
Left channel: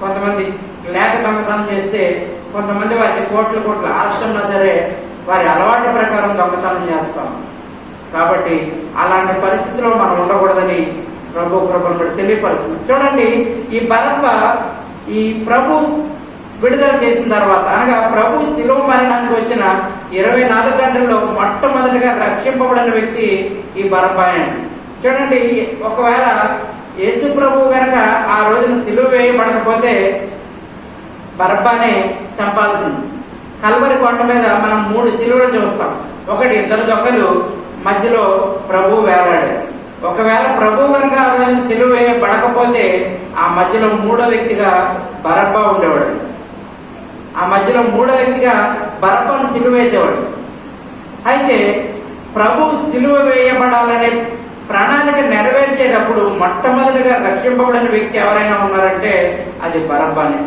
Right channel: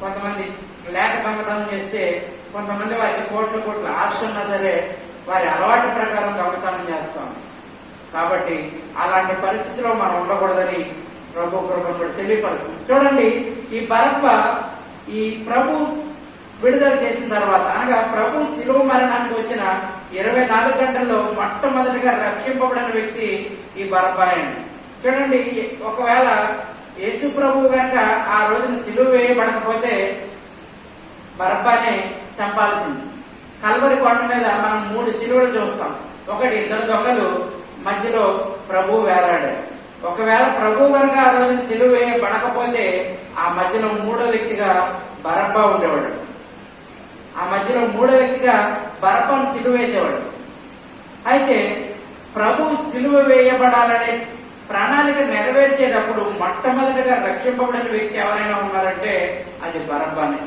కొంతమంది లేక దొంగతనం చేస్తే, కొంతమంది వారికి కోట్లు ఆస్తున్నా సరే వారి అలవాటు ప్రకారం దొంగతనం చేస్తాం. కాబట్టి అలాంటి పరిస్థితిలో మనం ఉండకూడదని ప్రభు కృపను బట్టి తెలియపరుస్తుంది. చూడండి, ఈ బరబ్బా ఈ ప్రభు విడుదల చేసిన తర్వాత, అనగా ప్రభు శిలువ మరణానికి వచ్చిన 24 గంటల్లో మొట్టమొదటిగా రక్షింపబడిన వ్యక్తి ఈ బరబ్బాయే. చూడండి, ఒకవేళ యేసు ప్రభు గనక ఆ రోజున శిలువ వేయబడకపోతే బరబ్బానే చంపాల్సింది. కల్వరి కొండ మీద మనం 3 శిలువలు చూస్తాం. ఒకటి, 2 దొంగలు మధ్యలో ప్రభు వేలాడారు. ఒకవేళ ప్రభు గనక ఆ రోజున శిలువ వేయబడకపోతే ఆ మధ్యలో 3వ వ్యక్తిగా బరబ్బా ఉండేవాడు. ఆ మధ్యలో 3వ వ్యక్తిగా బరబ్బను సిలువ వేసేవాడు. అయితే ప్రభు సిలువ వేయబడాలనే ప్రణాళిక నెరవేర్చేటప్పుడు మొట్టమొదటిగా రక్షింపబడిన వ్యక్తి ఎవరైనా ఉన్నారంటే అది బరబ్బానే.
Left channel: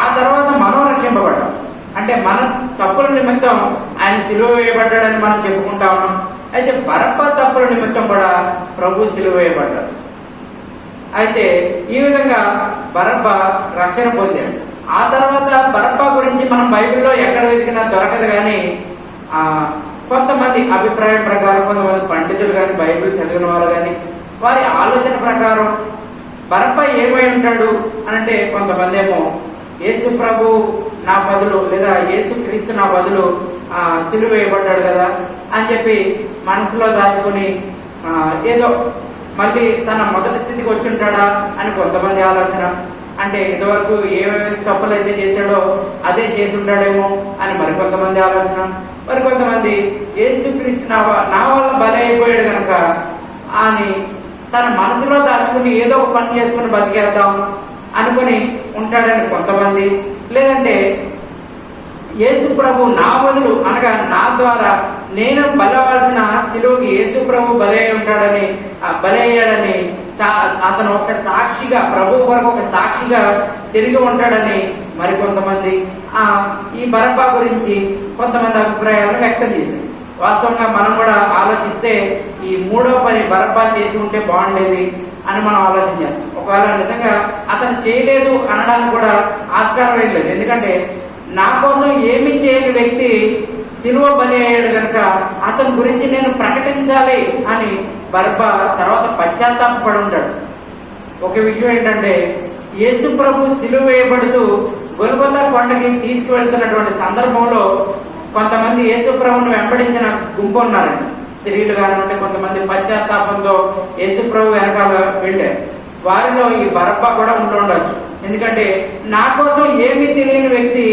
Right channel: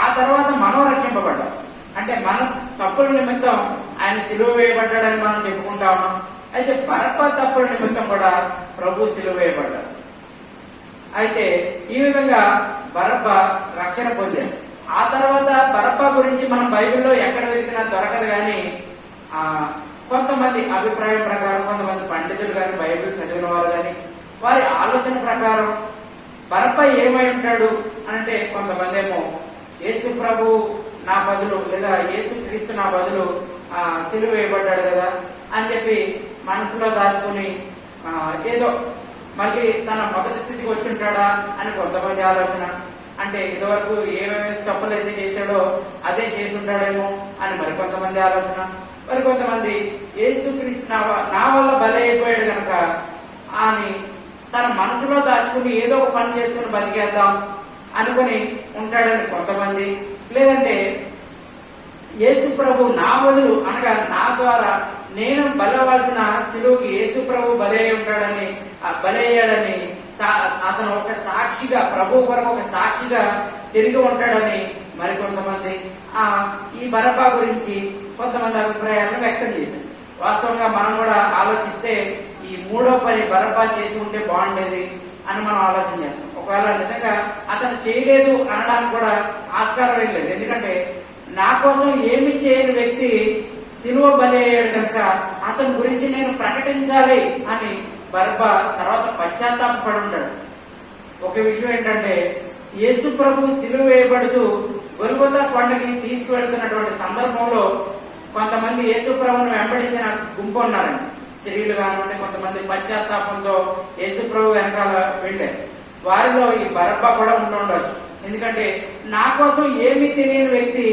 ఆ తర్వాత మనం రక్షింపబడ్డాం. అంటే మన తప్పుల నిమిత్తం ఆయన సిలువ వేయబడ్డాడని మనం చెప్పుకుంటా ఉన్నాం. అయితే బరబ్బా తప్పుల నిమిత్తం కూడా ప్రభు సిలువ వేయబడ్డాడు. అయితే ఈ విధంగా బరబ్బా రక్షణ పొందాడు. ఆ తర్వాత బరబ్బా గురించి మనం బైబిల్లో ఎక్కడ వెతికినా దొరకదు. కానీ కొంతమంది అభిప్రాయం ప్రకారం, కొంతమంది పండితులు కానీ, బైబిల్ చదివిన వారు కానీ, వారి ఆలోచన ప్రకారం బరబ్బా ఏమై ఉంటాడు అంటే, కొంతమంది ఏమో యేసు ప్రభు నా బదులు, లేదా యేసు క్రీస్తు నా బదులు సిలువ వేయబడ్డాడు కదా అని చెప్పి మనసులో దాచుకుని ఏదో మళ్ళీ తన మొదటి స్థితికి వచ్చి ఉంటాడా అని కొంతమంది ఆలోచన. అంటే ఇదివరకు ఏమేమి తప్పులు అయితే చేశాడో అదే చేసి ఉంటాడేమో అని మరికొంతమంది ఆలోచన. మరికొంతమంది యేసుక్రీస్తు నా వల్ల బలి అయిపోయాడు కనుక అని తన మనసులో దాచుకుని ఏదో ఒక పని చేసుకుని బతికేద్దాం అనుకుని ఉంటాడని కొంతమంది. లేదంటే యేసు ప్రభు నా బదులు, అనగా నా ద్వారా నేను బలవలసిన శిలువకి యేసు ప్రభు బలి అయి ఉంటాడని, బలి అయ్యాడని, అతను ఒక సాక్షిగా, ప్రభు కొరకు ఒక సాక్షిగా తిరిగి ఉంటాడని మరికొంతమంది ఈ బరబ్బా గురించి కొంతమంది అభిప్రాయాలను వ్యక్తం చేశారు. వాస్తవంగా మనం కూడా ఆలోచిస్తే ఈ 3వ పని బరబ్బా చేసి ఉంటే బాగుండేది అని మనం ఆలోచన చేస్తాం. ఒకవేళ నిజంగా అతను చేయలేదు అనడానికి కూడా ఆస్కారం లేదు. ఎందుకంటే నా కోసం ఏమి చేయని వ్యక్తి సిలువ బలి అయ్యాడు కనుక అతని గురించి నేను ప్రకటించాలి అని బరబ్బా తర్వాత పశ్చాత్తాపడి ఉంటాడు. ఒక విషయం ఏంటంటే, యేసు ప్రభు సిలువ వేయబడుతూ గొల్గొతా కొండకి తీసుకువెళ్తున్నటువంటి సందర్భంలో కొంతమంది యేసు ప్రభువును వెంబడించిన గుంపు ఉన్నారండి. స్త్రీలు కానివ్వండి, కొంతమంది పశ్చాత్తాపంతో యేసు ప్రభు వెనకాల వెళ్ళారు. వారిలో ఈ బరబ్బా కూడా ఉండొచ్చు. ఎందుకంటే నా కోసం ఏమీ తెలియని వ్యక్తి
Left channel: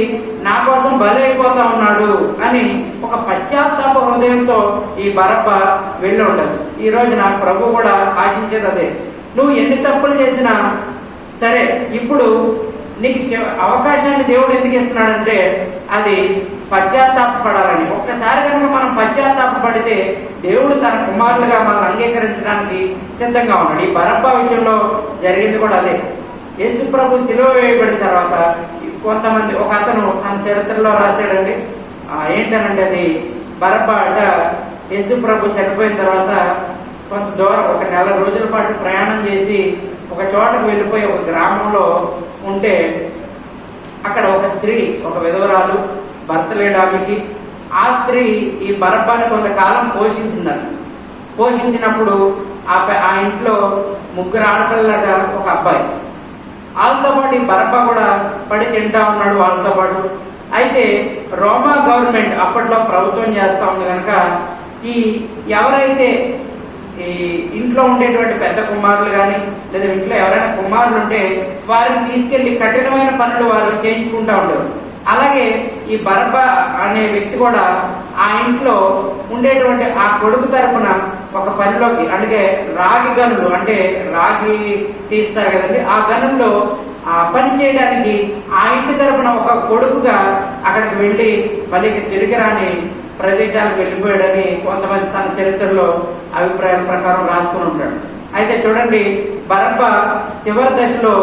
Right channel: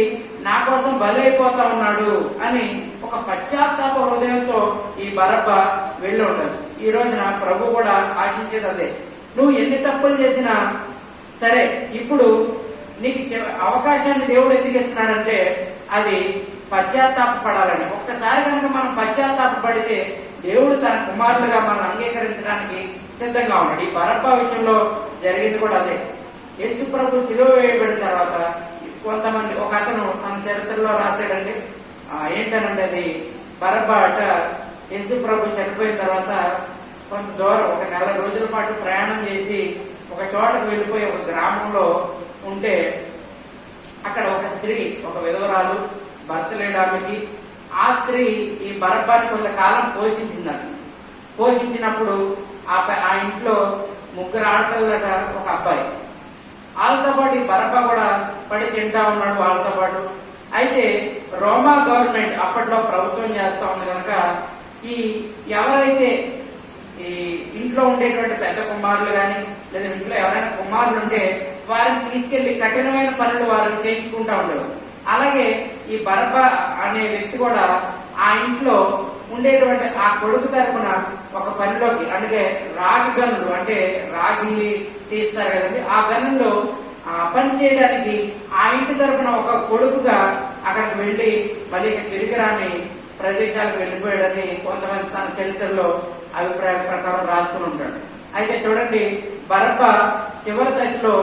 నా కోసం బలి అయిపోతా ఉన్నాడు అని ఒక పశ్చాత్తాప హృదయంతో ఈ బరబ్బా వెళ్ళి ఉండదు. ఈ రోజున ప్రభు కూడా ఆశించేది అదే. నువ్వు ఎన్ని తప్పులు చేసినా సరే, ఇప్పుడు నీకు అవకాశాన్ని దేవుడు ఎందుకు ఇస్తున్నాడంటే అది పశ్చాత్తాపడాలని. ఒక్కసారి కనుక మనం పశ్చాత్తాపడితే దేవుడు తన కుమారులుగా మనం అంగీకరించడానికి సిద్ధంగా ఉన్నాడు. ఈ బరబ్బా విషయంలో జరిగింది కూడా అదే. యేసు ప్రభు సిలువ వేయబడిన తర్వాత కొంతమంది, ఒక అతను తన చరిత్రలో రాశాడండి. ఏంటనంటే అది బరబ్బా అట యేసు ప్రభు చనిపోయిన తర్వాత కొంత దూరం, ఒక 4 రోజుల పాటు ప్రయాణం చేసి ఒక చోటకు వెళ్ళిపోయి ఒక గ్రామంలో ఉంటే అక్కడ ఒక స్త్రీ, ఒక విధవరాలు, భర్త లేడు ఆమెకి. ఆ స్త్రీ ఈ బరబ్బాని కొంతకాలం పోషించినప్పుడు ఆ ఇంట్లో 3 ఆడపిల్లగా ఒక అబ్బాయి. వాళ్ళతో పాటు ఈ బరబ్బా కూడా పడి తింటా ఉన్నాడు వాళ్ళతో పాటు. అయితే రోమా గవర్నమెంట్ అప్పట్లో ప్రభుత్వం చేస్తా ఉంది కనుక ఈ ఎవరైతే ఈ ఇంట్లో ఉండేటువంటి పెద్ద కుమారులు కానీ లేదా ఇంట్లో ఎవరైనా కుమారులు ఉంటే వారిని తీసుకెళ్లి కఠినమైన పనులు వారు చేయించుకుంటా ఉండేవారు. అలాగే ఈ బరబ్బా అనే వ్యక్తి కూడా ఆ ఇంట్లో ఉండేటువంటి ఆ కొడుకు తరపున ఒక పనిలోకి, అంటే రాగి గనులు, అంటే రాగి తీస్తారు కదండి, ఆ గనుల్లో పని చేయడానికి ఆ ఇంటి తరపున ఒక కొడుకుగా అక్కడికి వెళ్లి మళ్ళీ తిరిగి రాని ప్రదేశాలకు వెళ్ళిపోయాడని కొంతమంది తన చరిత్రలో అభిప్రాయాల ప్రకారం రాసుకుని ఉంటాడు. అయితే చూడండి, బరబ్బా చివరి దశలో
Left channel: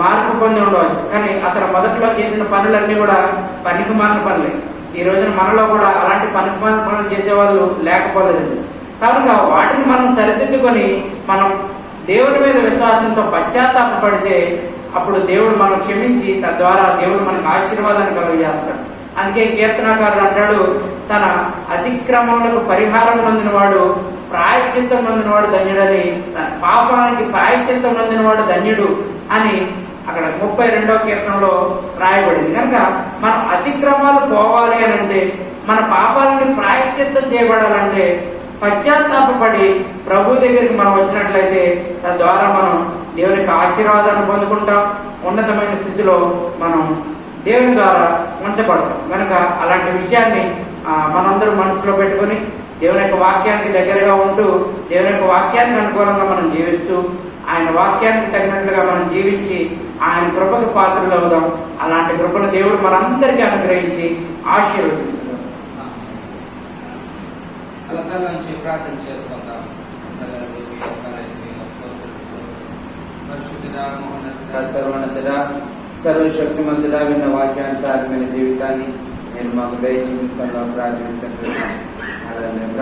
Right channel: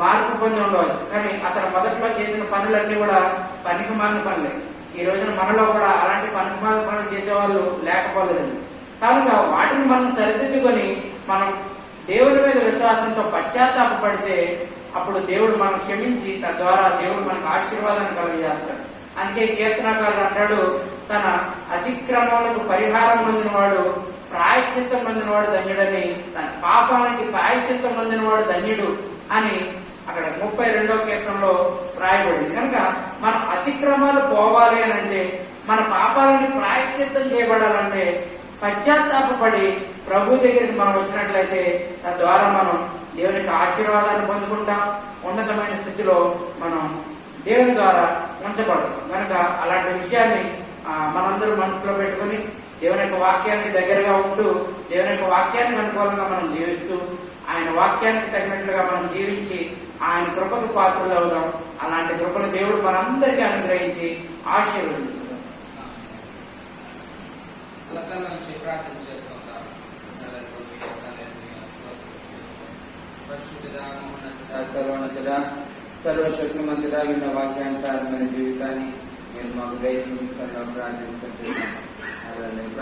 మార్పు పొంది ఉండవచ్చు, కానీ అతను మొదట్లో చేసిన పనులన్నీ కూడా పనికిమాలిన పనులే. ఈ రోజున మనలో కూడా అలాంటి పనికిమాలిన పనులు చేసేవాళ్ళు లేకపోలేదండి. కనుక వాటిని మనం సరిదిద్దుకొని మనం దేవుడి మీద విశ్వాసంతో పశ్చాత్తాపడితే అప్పుడు దేవుడు మనం క్షమించి తద్వారా దేవుడు మనకు ఆశీర్వాదాన్ని కలుగజేస్తాడు. అందుకే కీర్తనకారుడు అంటాడు, తన అతిక్రమములకు పరిహారం నొందినవాడు ప్రాయశ్చిత్తం నొందినవాడు ధన్యుడని, తన పాపానికి ప్రాయశ్చిత్తం నొందినవాడు ధన్యుడు అని అక్కడ 32వ కీర్తనలో రాయబడింది. కనుక మన అతిక్రమాలు పోవాలి అని అంటే, మన పాపాలని ప్రాయశ్చిత్తం చేయబడాలంటే పశ్చాత్తాపడి ప్రభు దగ్గరికి మనం వచ్చినట్లయితే తద్వారా మనం దేవునికి ఆశీర్వాదాన్ని పొందుకుంటాం. ఉన్నతమైన స్థితిలో మనం దేవుని ద్వారా ఉంచబడతాం. కనుక అలాంటి విషయాన్ని మనందరం మనసులో పెట్టుకుని దేవుని యొక్క వాక్యానికి దగ్గరగా ఉంటూ దేవుని యొక్క వాక్యానికి అనుకూలంగా మనం జీవిస్తూ ఆయన వాక్యానికి తగినట్లుగా మనం జీవించి ఆయన కృపకు పాత్రలు అవుదాం. అలాంటి కృపను దేవుడు మనందరికీ అనుగ్రహించి ఆశీర్వదిస్తున్నాం. ప్రార్థన చేసుకుందాం. సర్వోన్నతుడా, సర్వశక్తిమంతుడా, విన్న వాక్యానుసారమైన జీవితాన్ని నేను మాకు దయచేసి ప్రార్థిస్తున్నాను.